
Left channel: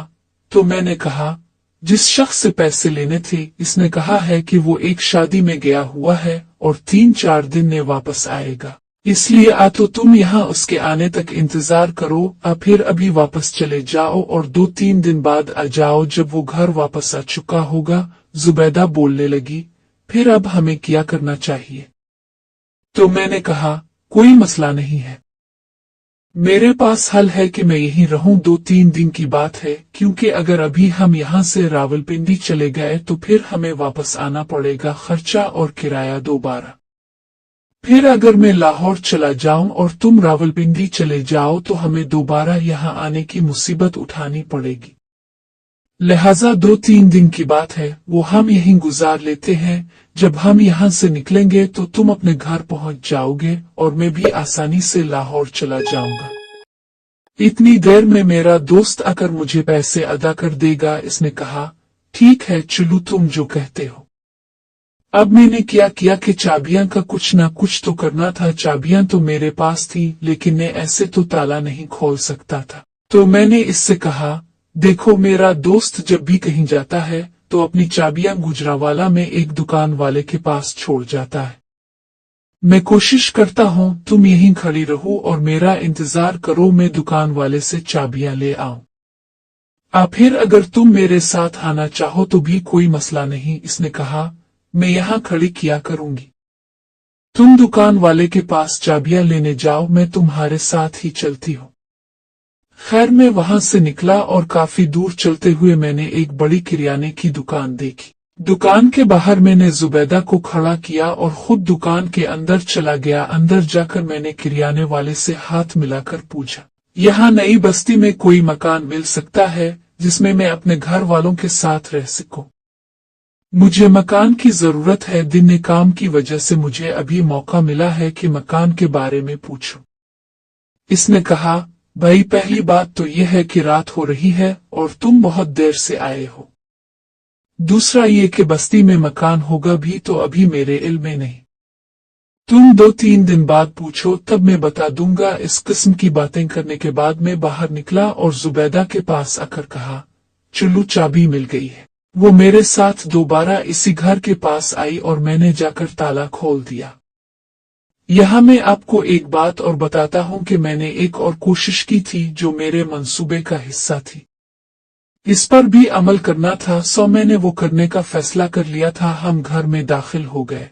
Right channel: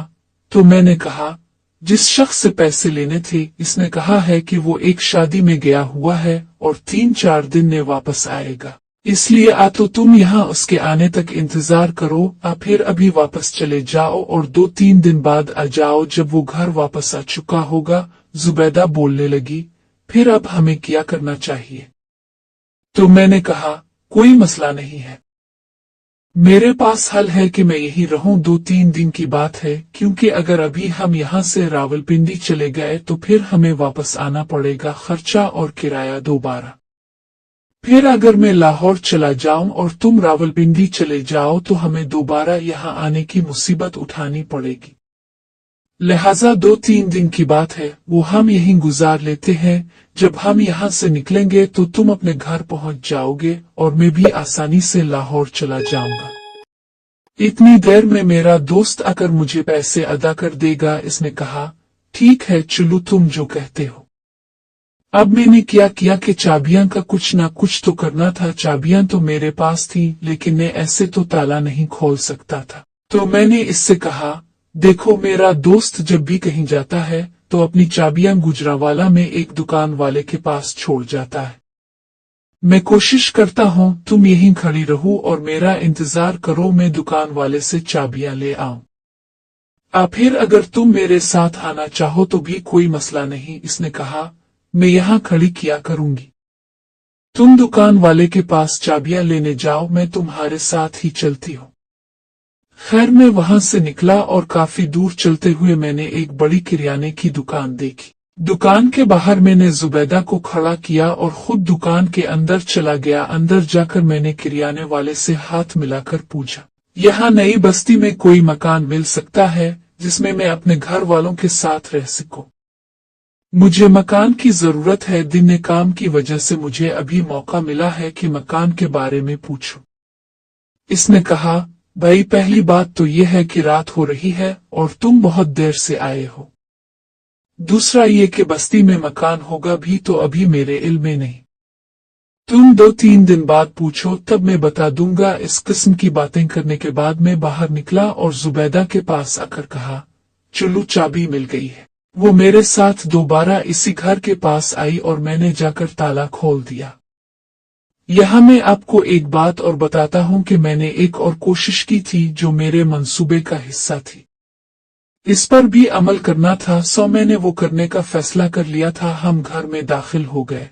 तो मैंने कहा, जिस शख्स से पैसे लेने थे इसने कहा है कि वो एक शादी में गया हुआ है और 3-4 दिन में वापस आएगा, इसलिए आ तो तुम यहाँ उसके आने तक इंतजार करो, फिर अभी वापस चले जाओ और 2-3 दिन बाद आ जाओ जब वो घर वापस आ चुका होगा। जुबैदा बोलने लगी, फिर अब हमें क्या करना चाहिए? तो मैंने कहा, कोई मसला नहीं है, मेरे पास हल है कि मैं यहीं रहूं। 2-3 दिन की बात है, क्योंकि अगर अभी हम यहाँ से रावलपिंडी चले गए तो फिर हमें वापस आना पड़ेगा, खर्चा और किराया दोबारा। फिर अगर मैं लाहौर चला जाऊं और तुम रावलपिंडी चले जाओ तो हमें दोबारा यहाँ आने की मुसीबत उठानी पड़ेगी। लिहाजा 2-3 दिन की बात है, वो हम यहीं गुजार लेते हैं। जब हम यहाँ से निकलेंगे तो तुम अपने घर पहुँच जाओगे और मैं भी आसानी से लाहौर चला जाऊंगा। इतनी देर में मेरा दोस्त आकर मुझे पैसे अदा कर देगा। इसने कहा, ठीक है चलो तुम जो कहते हो। अब मैंने क्या किया कि चाबियां का कुछ ना कुछ तो करना था। चाबियां तो मेरे पास थी, लेकिन मैं ऐसे तो ताला नहीं खोल सकता था। तो मैंने इससे कहा, देखो मेरा दोस्त जब भी कहीं जाता है तो अपनी चाबियां गुजरावाला में एक दुकान वाले के पास छोड़ जाता है। मैं कोशिश करता हूँ तुम यहीं खड़ी रहो और मेरा इंतजार करो, मैं दुकान वाले से चाबियां ले आऊं। फिर अगर तुम मेरे साथ आना चाहो तो भी कोई मसला नहीं। इसने कहा, मैं यहाँ खड़ी किया करूंगी, तुम दुकान वाले के पास चाबियां लेने जाओ, मैं तुम्हारे साथ ही चलती हूँ। खैर मैं वहां से निकला और काफी दूर चलते हुए मैंने एक बड़ी किराने की दुकान देखी। दुकान के बाहर मैंने जुबैदा को खड़ा किया और खुद दुकान के अंदर चला गया। अंदर जाकर मैंने किराने वाले से हाथ मिलाकर पूछा, यहाँ नई बस्ती में कोई मकान मिल सकता है जिसमें मैं अपने घर वालों के साथ रह सकूं? मुझे मकान की जरूरत है। दिन काम की वजह से मुझे अभी मौका मिला है कि मकान के बारे में पूछूं। इसने कहा, भाई पहली बात तो यह है कि रात हो रही है और तुम बहुत देर से आए हो। दूसरा ये कि बस्ती में मकान होगा भी तो अभी मेरे इल्म में नहीं। तुम 2-3 दिन बाद पूछो तब मैं बता दूंगा। इस किस्म की बातें करने के बाद मैं बाहर निकला और जुबैदा के पास आकर कहा, चलो चाबी मिल गई है। वो मेरे साथ दोबारा इसी घर के पास आई और मैंने जाकर ताला खोल दिया। यहाँ मैं आपको एक बात और बताता हूँ कि मैंने एक और कोशिश की थी जो मेरे मंसूबे का हिस्सा थी। इस पर भी अमल करना था, सो मैंने वो करने का फैसला कर लिया था। हम घर में दाखिल हो गए।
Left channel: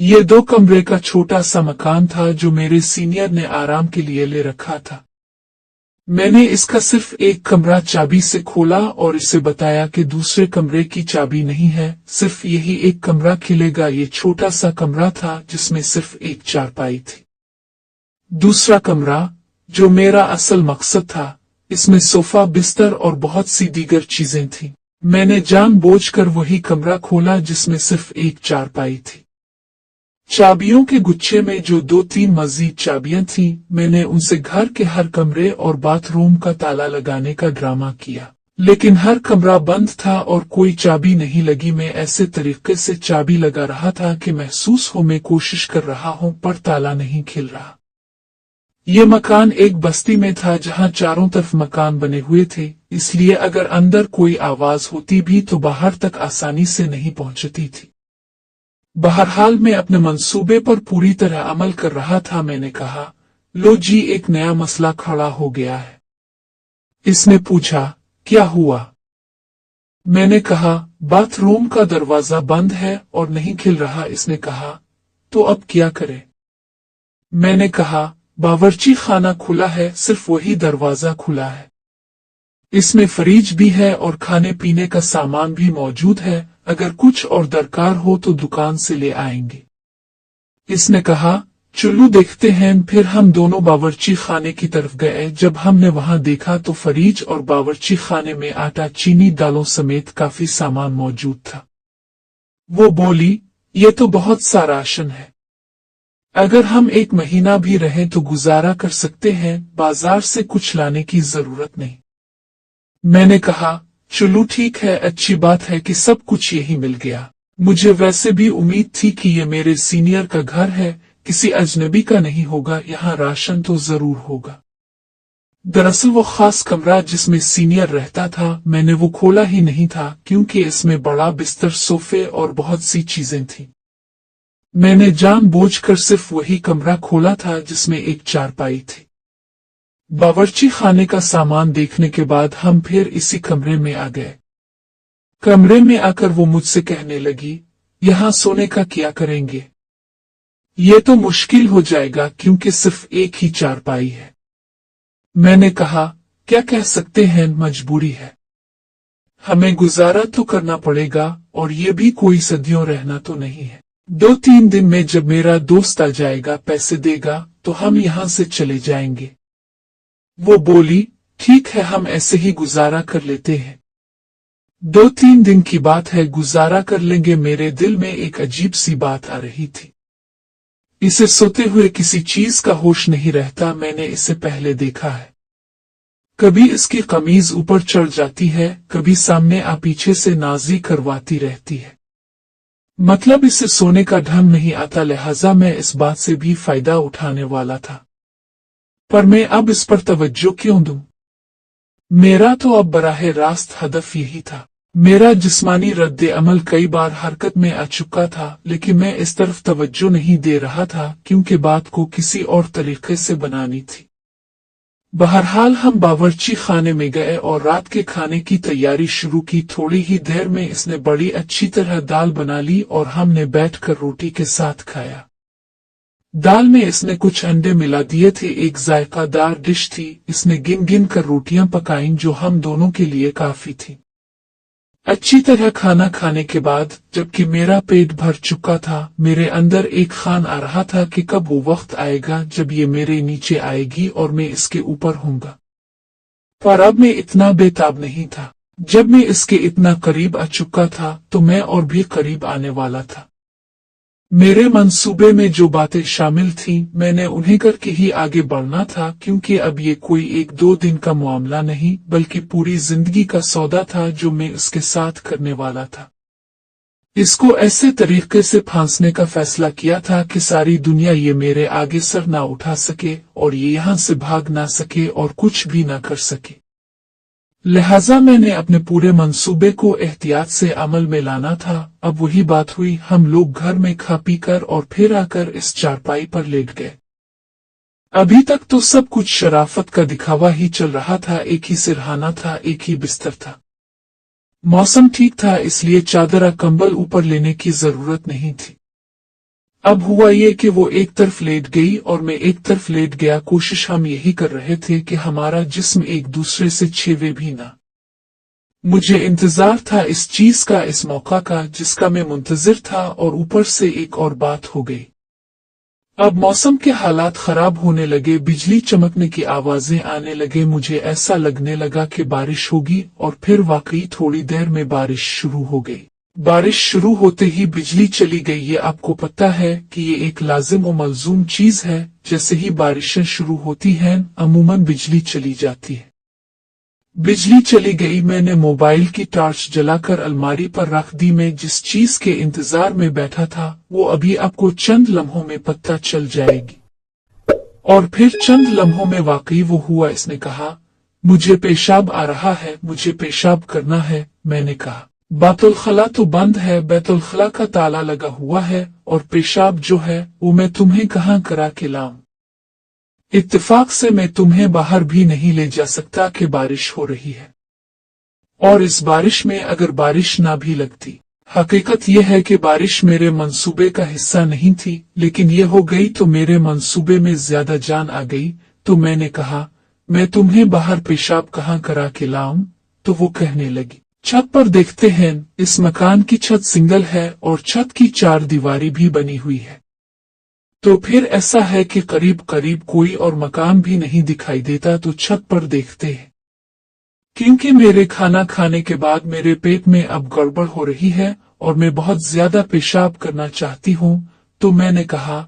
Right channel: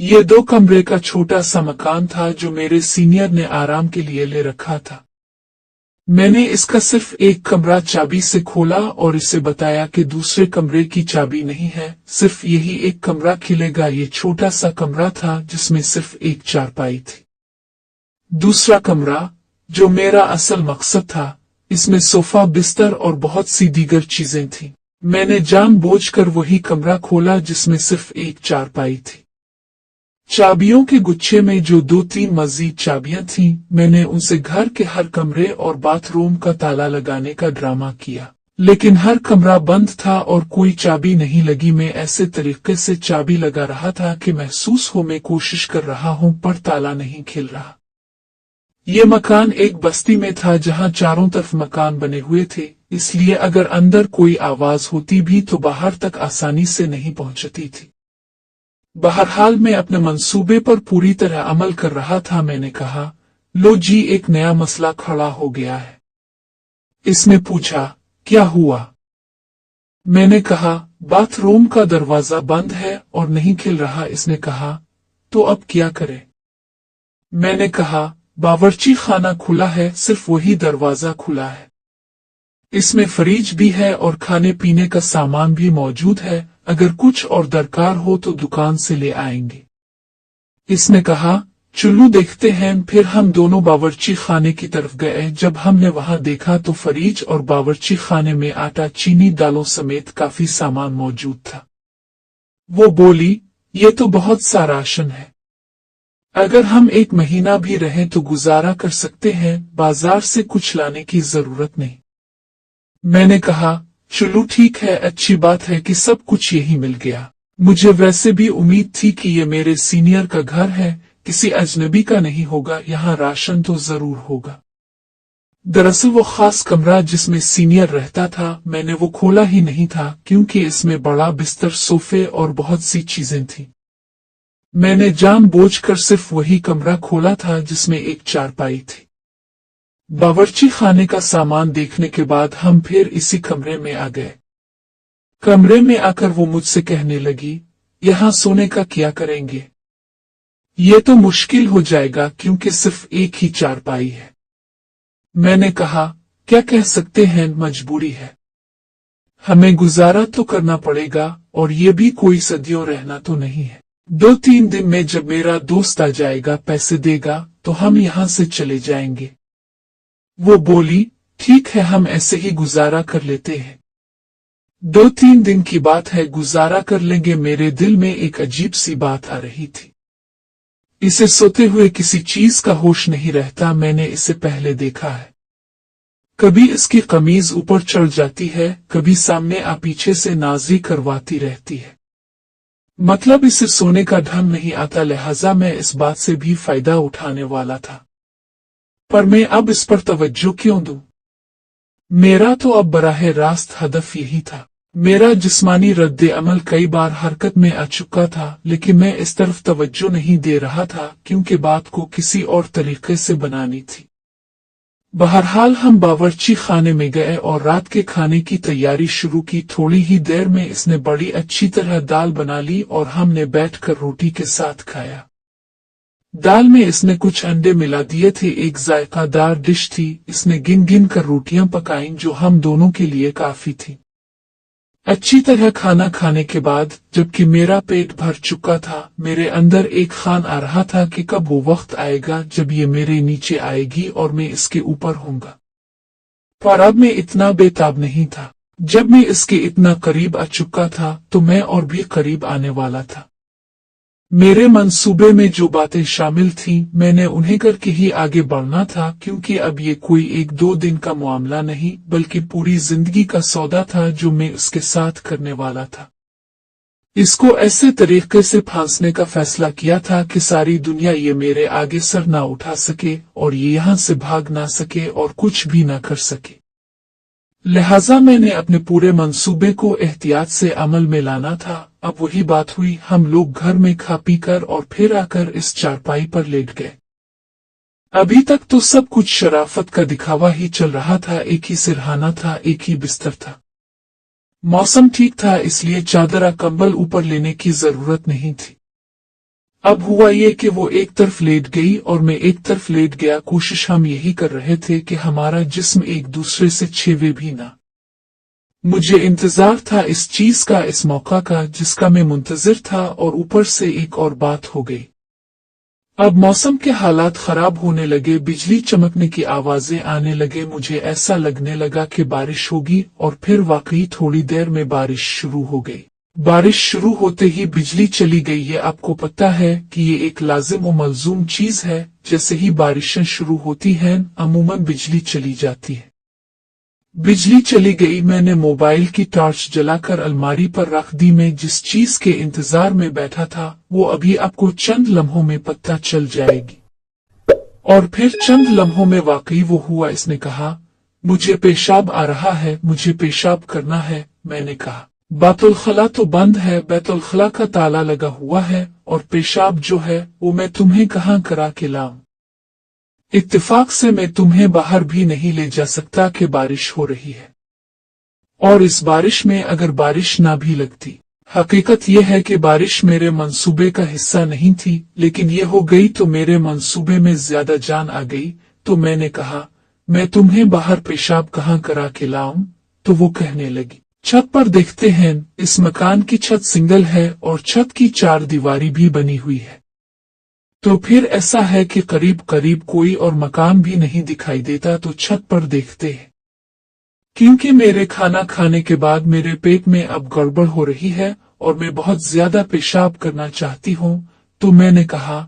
ये 2 कमरे का छोटा सा मकान था जो मेरे सीनियर ने आराम के लिए ले रखा था। मैंने इसका सिर्फ एक कमरा चाबी से खोला और इसे बताया कि दूसरे कमरे की चाबी नहीं है, सिर्फ यही एक कमरा खिलेगा। ये छोटा सा कमरा था जिसमें सिर्फ एक चारपाई थी। दूसरा कमरा, जो मेरा असल मकसद था, इसमें सोफा, बिस्तर और बहुत सी दीगर चीजें थीं। मैंने जानबूझकर वही कमरा खोला जिसमें सिर्फ एक चारपाई थी। चाबियों के गुच्छे में जो 2-3 मजीद चाबियां थीं, मैंने उनसे घर के हर कमरे और बाथरूम का ताला लगाने का ड्रामा किया, लेकिन हर कमरा बंद था और कोई चाबी नहीं लगी। मैं ऐसे तरीके से चाबी लगा रहा था कि महसूस हो मैं कोशिश कर रहा हूं पर ताला नहीं खुल रहा। ये मकान एक बस्ती में था जहां चारों तरफ मकान बने हुए थे, इसलिए अगर अंदर कोई आवाज होती भी तो बाहर तक आसानी से नहीं पहुंचती थी। बहरहाल मैं अपने मंसूबे पर पूरी तरह अमल कर रहा था। मैंने कहा, लो जी, एक नया मसला खड़ा हो गया है। इसने पूछा, क्या हुआ? मैंने कहा, बाथरूम का दरवाजा बंद है और नहीं खुल रहा। इसने कहा, तो अब क्या करें? मैंने कहा, बावर्ची खाना खुला है, सिर्फ वही दरवाजा खुला है। इसमें फ्रिज भी है और खाने पीने का सामान भी मौजूद है, अगर कुछ और दरकार हो तो दुकान से ले आएंगे। इसने कहा, चलो देखते हैं। फिर हम दोनों बावर्ची खाने की तरफ गए। जब हमने वहां देखा तो फ्रिज और बावर्ची खाने में आटा, चीनी, दालों समेत काफी सामान मौजूद था। वो बोली, ये तो बहुत सा राशन है, अगर हम 1 महीना भी रहें तो गुजारा कर सकते हैं, बाजार से कुछ लाने की जरूरत नहीं। मैंने कहा, चलो ठीक है, अच्छी बात है कि सब कुछ यही मिल गया। मुझे वैसे भी उम्मीद थी कि ये मेरे सीनियर का घर है, किसी अजनबी का नहीं होगा, यहाँ राशन तो जरूर होगा। दरअसल वो खास कमरा जिसमें सीनियर रहता था, मैंने वो खोला ही नहीं था क्योंकि इसमें बड़ा बिस्तर, सोफे और बहुत सी चीजें थीं। मैंने जानबूझकर सिर्फ वही कमरा खोला था जिसमें एक चारपाई थी। बावर्ची खाने का सामान देखने के बाद हम फिर इसी कमरे में आ गए। कमरे में आकर वो मुझसे कहने लगी, यहाँ सोने का क्या करेंगे? ये तो मुश्किल हो जाएगा क्योंकि सिर्फ एक ही चारपाई है। मैंने कहा, क्या कह सकते हैं, मजबूरी है, हमें गुजारा तो करना पड़ेगा, और ये भी कोई सदियों रहना तो नहीं है। 2-3 दिन में जब मेरा दोस्त आ जाएगा, पैसे देगा, तो हम यहाँ से चले जाएंगे। वो बोली, ठीक है, हम ऐसे ही गुजारा कर लेते हैं। 2-3 दिन की बात है, गुजारा कर लेंगे। मेरे दिल में एक अजीब सी बात आ रही थी। इसे सोते हुए किसी चीज का होश नहीं रहता। मैंने इसे पहले देखा है। कभी इसकी कमीज ऊपर चढ़ जाती है, कभी सामने आ पीछे से नाजी करवाती रहती है। मतलब इसे सोने का ढंग नहीं आता, लिहाजा मैं इस बात से भी फायदा उठाने वाला था। पर मैं अब इस पर तवज्जो क्यों दूं? मेरा तो अब बराह रास्त हदफ यही था। मेरा जिस्मानी रद्द अमल कई बार हरकत में आ चुका था, लेकिन मैं इस तरफ तवज्जो नहीं दे रहा था क्योंकि बात को किसी और तरीके से बनानी थी। बहरहाल हम बावर्ची खाने में गए और रात के खाने की तैयारी शुरू की। थोड़ी ही देर में इसने बड़ी अच्छी तरह दाल बना ली और हमने बैठकर रोटी के साथ खाया। दाल में इसने कुछ अंडे मिला दिए थे, एक जायकादार डिश थी। इसने गिन गिन कर रोटियां पकाईं जो हम दोनों के लिए काफी थी। अच्छी तरह खाना खाने के बाद, जबकि मेरा पेट भर चुका था, मेरे अंदर एक ख्याल आ रहा था कि कब वो वक्त आएगा जब ये मेरे नीचे आएगी और मैं इसके ऊपर होऊंगा। पर अब मैं इतना बेताब नहीं था। जब मैं इसके इतना करीब आ चुका था तो मैं और भी करीब आने वाला था। मेरे मंसूबे में जो बातें शामिल थीं, मैंने उन्हें करके ही आगे बढ़ना था, क्योंकि अब ये कोई 1-2 दिन का मामला नहीं बल्कि पूरी जिंदगी का सौदा था जो मैं उसके साथ करने वाला था। इसको ऐसे तरीके से फांसने का फैसला किया था कि सारी दुनिया ये मेरे आगे सर ना उठा सके और ये यहाँ से भाग ना सके और कुछ भी ना कर सके। लिहाजा मैंने अपने पूरे मंसूबे को एहतियात से अमल में लाना था। अब वही बात हुई, हम लोग घर में खा पी कर और फिर आकर इस चारपाई पर लेट गए। अभी तक तो सब कुछ शराफत का दिखावा ही चल रहा था, एक ही सिरहाना था, एक ही बिस्तर था। मौसम ठीक था, इसलिए चादरा कंबल ऊपर लेने की जरूरत नहीं थी। अब हुआ ये कि वो एक तरफ लेट गई और मैं एक तरफ लेट गया। कोशिश हम यही कर रहे थे कि हमारा जिस्म एक दूसरे से छेवे भी ना। मुझे इंतजार था इस चीज का, इस मौका का जिसका मैं मुंतजिर था, और ऊपर से एक और बात हो गई। अब मौसम के हालात खराब होने लगे, बिजली चमकने की आवाजें आने लगे। मुझे ऐसा लगने लगा कि बारिश होगी, और फिर वाकई थोड़ी देर में बारिश शुरू हो गई। बारिश शुरू होते ही बिजली चली गई। ये आपको पता है कि ये एक लाजिम और मलजूम चीज है। जैसे ही बारिशें शुरू होती हैं अमूमन बिजली चली जाती है। बिजली चली गई। मैंने मोबाइल की टॉर्च जलाकर अलमारी पर रख दी। मैं जिस चीज के इंतजार में बैठा था वो अभी आपको चंद लम्हों में पता चल जाएगी। और फिर चंद लम्हों में वाकई वो हुआ। इसने कहा, मुझे पेशाब आ रहा है, मुझे पेशाब करना है। मैंने कहा, बैतुल खला तो बंद है, बैतुल खला का ताला लगा हुआ है, और पेशाब जो है वो मैं तुम्हें कहाँ करा के लाऊं। इत्तेफाक से मैं तुम्हें बाहर भी नहीं ले जा सकता कि बारिश हो रही है। और इस बारिश में अगर बारिश ना भी लगती। हकीकत यह है कि बारिश मेरे मंसूबे का हिस्सा नहीं थी, लेकिन ये हो गई तो मेरे मंसूबे में ज्यादा जान आ गई। तो मैंने कहा, मैं तुम्हें बाहर पेशाब कहाँ करा के लाऊं। तो वो कहने लगी, छत पर देखते हैं। इस मकान की छत सिंगल है और छत की 4 दीवारी भी बनी हुई है। तो फिर ऐसा है कि करीब करीब कोई और मकान भी नहीं दिखाई देता। तो छत पर देखते हैं। क्योंकि मेरे खाना खाने के बाद मेरे पेट में अब गड़बड़ हो रही है और मैं बहुत ज्यादा पेशाब करना चाहती हूँ। तो मैंने कहा,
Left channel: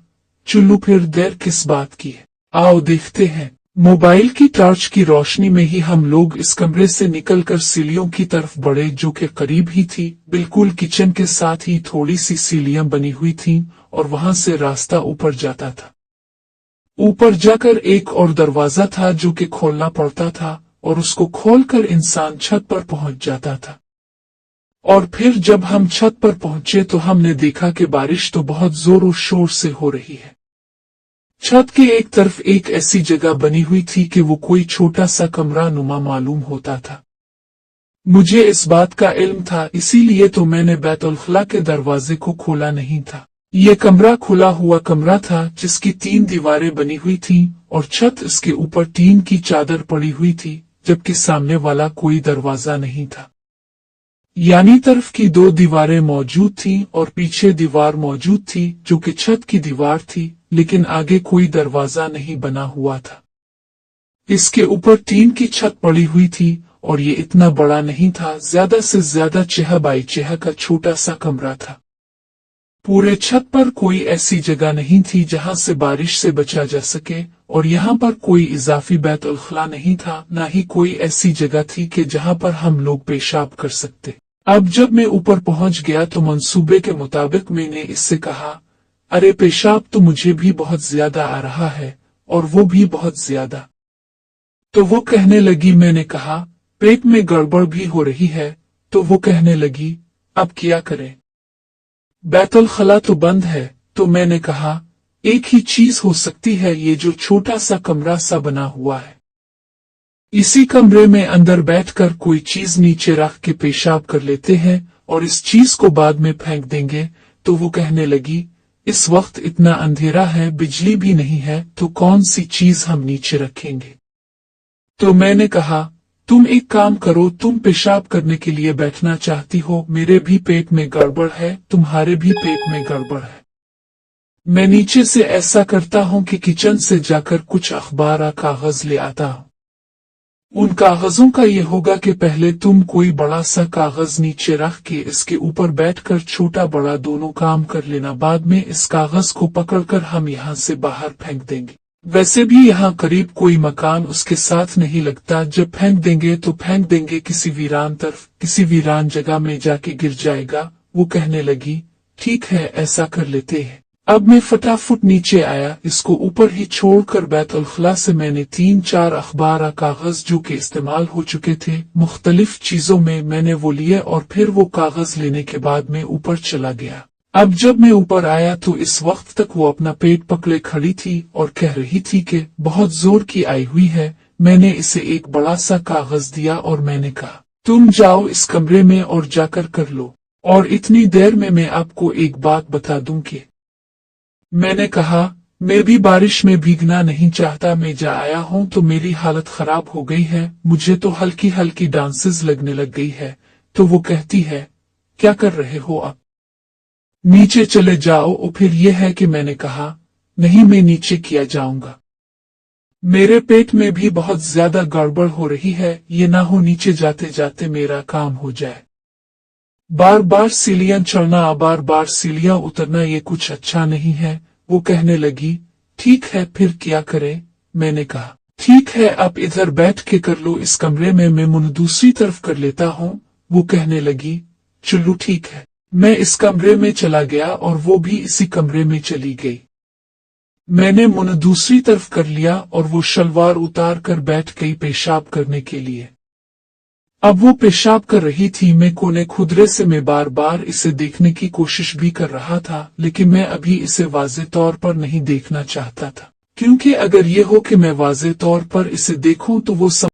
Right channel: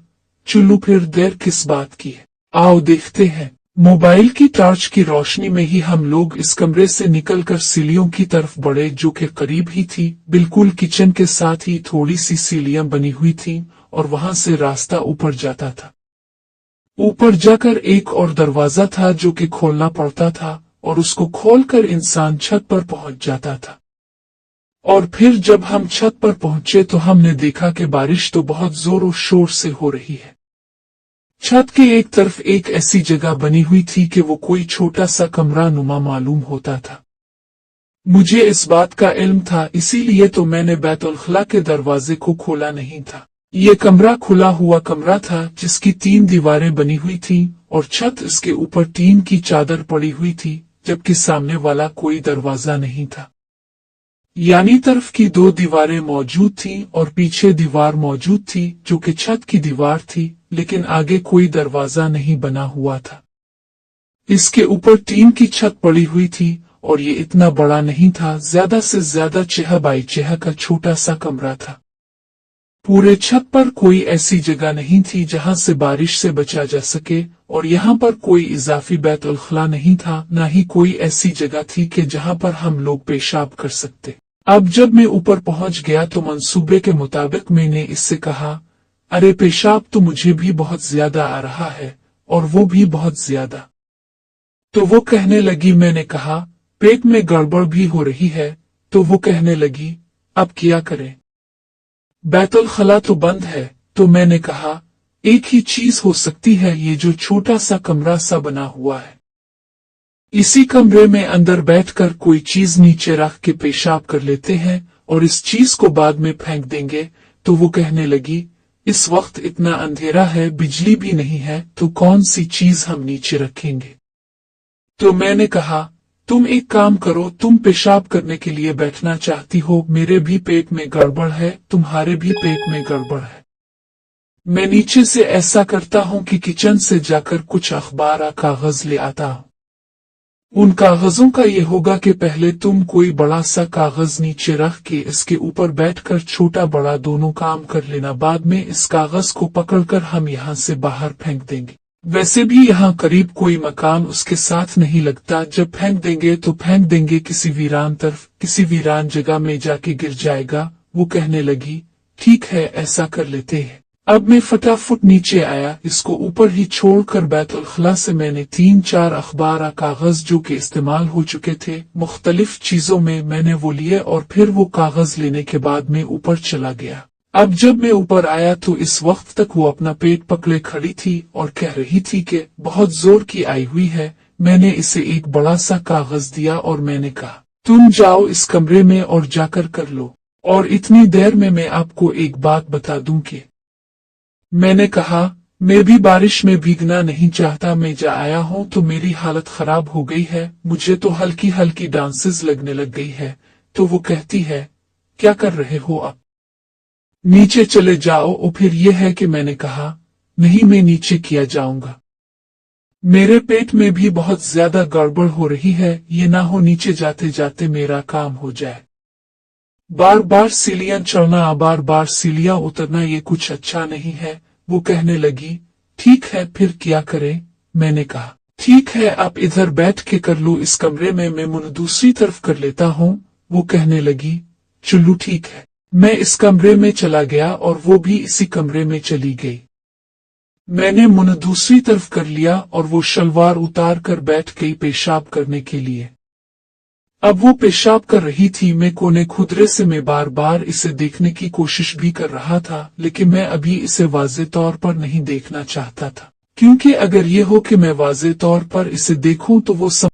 चलो फिर देर किस बात की है, आओ देखते हैं। मोबाइल की टॉर्च की रोशनी में ही हम लोग इस कमरे से निकलकर सीढ़ियों की तरफ बढ़े, जो कि करीब ही थी। बिल्कुल किचन के साथ ही थोड़ी सी सीढ़ियां बनी हुई थीं और वहां से रास्ता ऊपर जाता था। ऊपर जाकर एक और दरवाजा था जो कि खोलना पड़ता था, और उसको खोलकर इंसान छत पर पहुंच जाता था। और फिर जब हम छत पर पहुंचे तो हमने देखा कि बारिश तो बहुत जोरों शोर से हो रही है। छत के एक तरफ एक ऐसी जगह बनी हुई थी कि वो कोई छोटा सा कमरा नुमा मालूम होता था। मुझे इस बात का इल्म था, इसीलिए तो मैंने बैतुल खला के दरवाजे को खोला नहीं था। ये कमरा खुला हुआ कमरा था जिसकी 3 दीवारें बनी हुई थीं और छत इसके ऊपर टीन की चादर पड़ी हुई थी, जबकि सामने वाला कोई दरवाजा नहीं था। यानी तरफ की 2 दीवारें मौजूद थीं और पीछे दीवार मौजूद थी जो कि छत की दीवार थी, लेकिन आगे कोई दरवाजा नहीं बना हुआ था। इसके ऊपर टीन की छत पड़ी हुई थी और ये इतना बड़ा नहीं था, ज्यादा से ज्यादा 6 बाई 6 का छोटा सा कमरा था। पूरे छत पर कोई ऐसी जगह नहीं थी जहां से बारिश से बचा जा सके, और यहाँ पर कोई इजाफी बैतुल खला नहीं था, ना ही कोई ऐसी जगह थी कि जहां पर हम लोग पेशाब कर सकते। अब जब मैं ऊपर पहुंच गया तो मंसूबे के मुताबिक मैंने इससे कहा, अरे पेशाब तो मुझे भी बहुत ज्यादा आ रहा है, और वो भी बहुत ज्यादा। तो वो कहने लगी, मैंने कहा पेट में गड़बड़ भी हो रही है। तो वो कहने लगी, अब क्या करें, बैतुल खला तो बंद है। तो मैंने कहा, एक ही चीज हो सकती है, ये जो छोटा सा कमरा सा बना हुआ है, इसी कमरे में अंदर बैठकर कोई चीज नीचे रख के पेशाब कर लेते हैं और इस चीज को बाद में फेंक देंगे। तो वो कहने लगी, इस वक्त इतना अंधेरा है, बिजली भी नहीं है, तो कौन सी चीज हम नीचे रखेंगे। तो मैंने कहा, तुम एक काम करो, तुम पेशाब करने के लिए बैठना चाहती हो, मेरे भी पेट में गड़बड़ है, तुम्हारे भी पेट में गड़बड़ है। मैं नीचे से ऐसा करता हूँ कि किचन से जाकर कुछ अखबार या कागज ले आता हूँ। उन कागजों का ये होगा कि पहले तुम कोई बड़ा सा कागज नीचे रख के इसके ऊपर बैठकर छोटा बड़ा दोनों काम कर लेना। बाद में इस कागज को पकड़कर हम यहाँ से बाहर फेंक देंगे। वैसे भी यहाँ करीब कोई मकान उसके साथ नहीं लगता, जब फेंक देंगे तो फेंक देंगे किसी वीरान तरफ, किसी वीरान जगह में जाके गिर जाएगा। वो कहने लगी, ठीक है ऐसा कर लेते हैं। अब मैं फटाफट नीचे आया, इसको ऊपर ही छोड़कर बैतुल खला से मैंने 3-4 अखबार कागज जो कि इस्तेमाल हो चुके थे मुख्तलिफ चीजों में, मैंने वो लिए और फिर वो कागज लेने के बाद मैं ऊपर चला गया। अब जब मैं ऊपर आया तो इस वक्त तक वो अपना पेट पकड़े खड़ी थी और कह रही थी कि बहुत जोर की आई हुई है। मैंने इसे एक बड़ा सा कागज दिया और मैंने कहा, तुम जाओ इस कमरे में और जाकर कर लो। और इतनी देर में मैं आपको एक बात बता दूं कि मैंने कहा, मैं भी बारिश में भीगना नहीं चाहता। मैं जा आया हूं तो मेरी हालत खराब हो गई है, मुझे तो हल्की हल्की डांसेस लगने लग गई है। तो वो कहती है, क्या कर रहे हो आप? नीचे चले जाओ। और फिर यह है कि मैंने कहा, नहीं मैं नीचे किया जाऊंगा, मेरे पेट में भी बहुत ज्यादा गड़बड़ हो रही है, ये ना हो नीचे जाते जाते मेरा काम हो जाए। बार बार सीढ़ियां चढ़ना बार बार सीढ़ियां उतरना ये कुछ अच्छा नहीं है। वो कहने लगी, ठीक है फिर क्या करें? मैंने कहा, ठीक है आप इधर बैठ के कर लो इस कमरे में, मैं मुंह दूसरी तरफ कर लेता हूँ। वो कहने लगी, चलो ठीक है। मैं इस कमरे में चला गया और वो भी इसी कमरे में चली गई। मैंने मुंह दूसरी तरफ कर लिया और वो शलवार उतार कर बैठ गई पेशाब करने के लिए। अब वो पेशाब कर रही थी, मैं कोने खुदरे से मैं बार बार इसे देखने की कोशिश भी कर रहा था, लेकिन मैं अभी इसे वाज़े तौर पर नहीं देखना चाहता था, क्योंकि अगर ये हो कि मैं वाज़े तौर पर इसे देखूं तो वो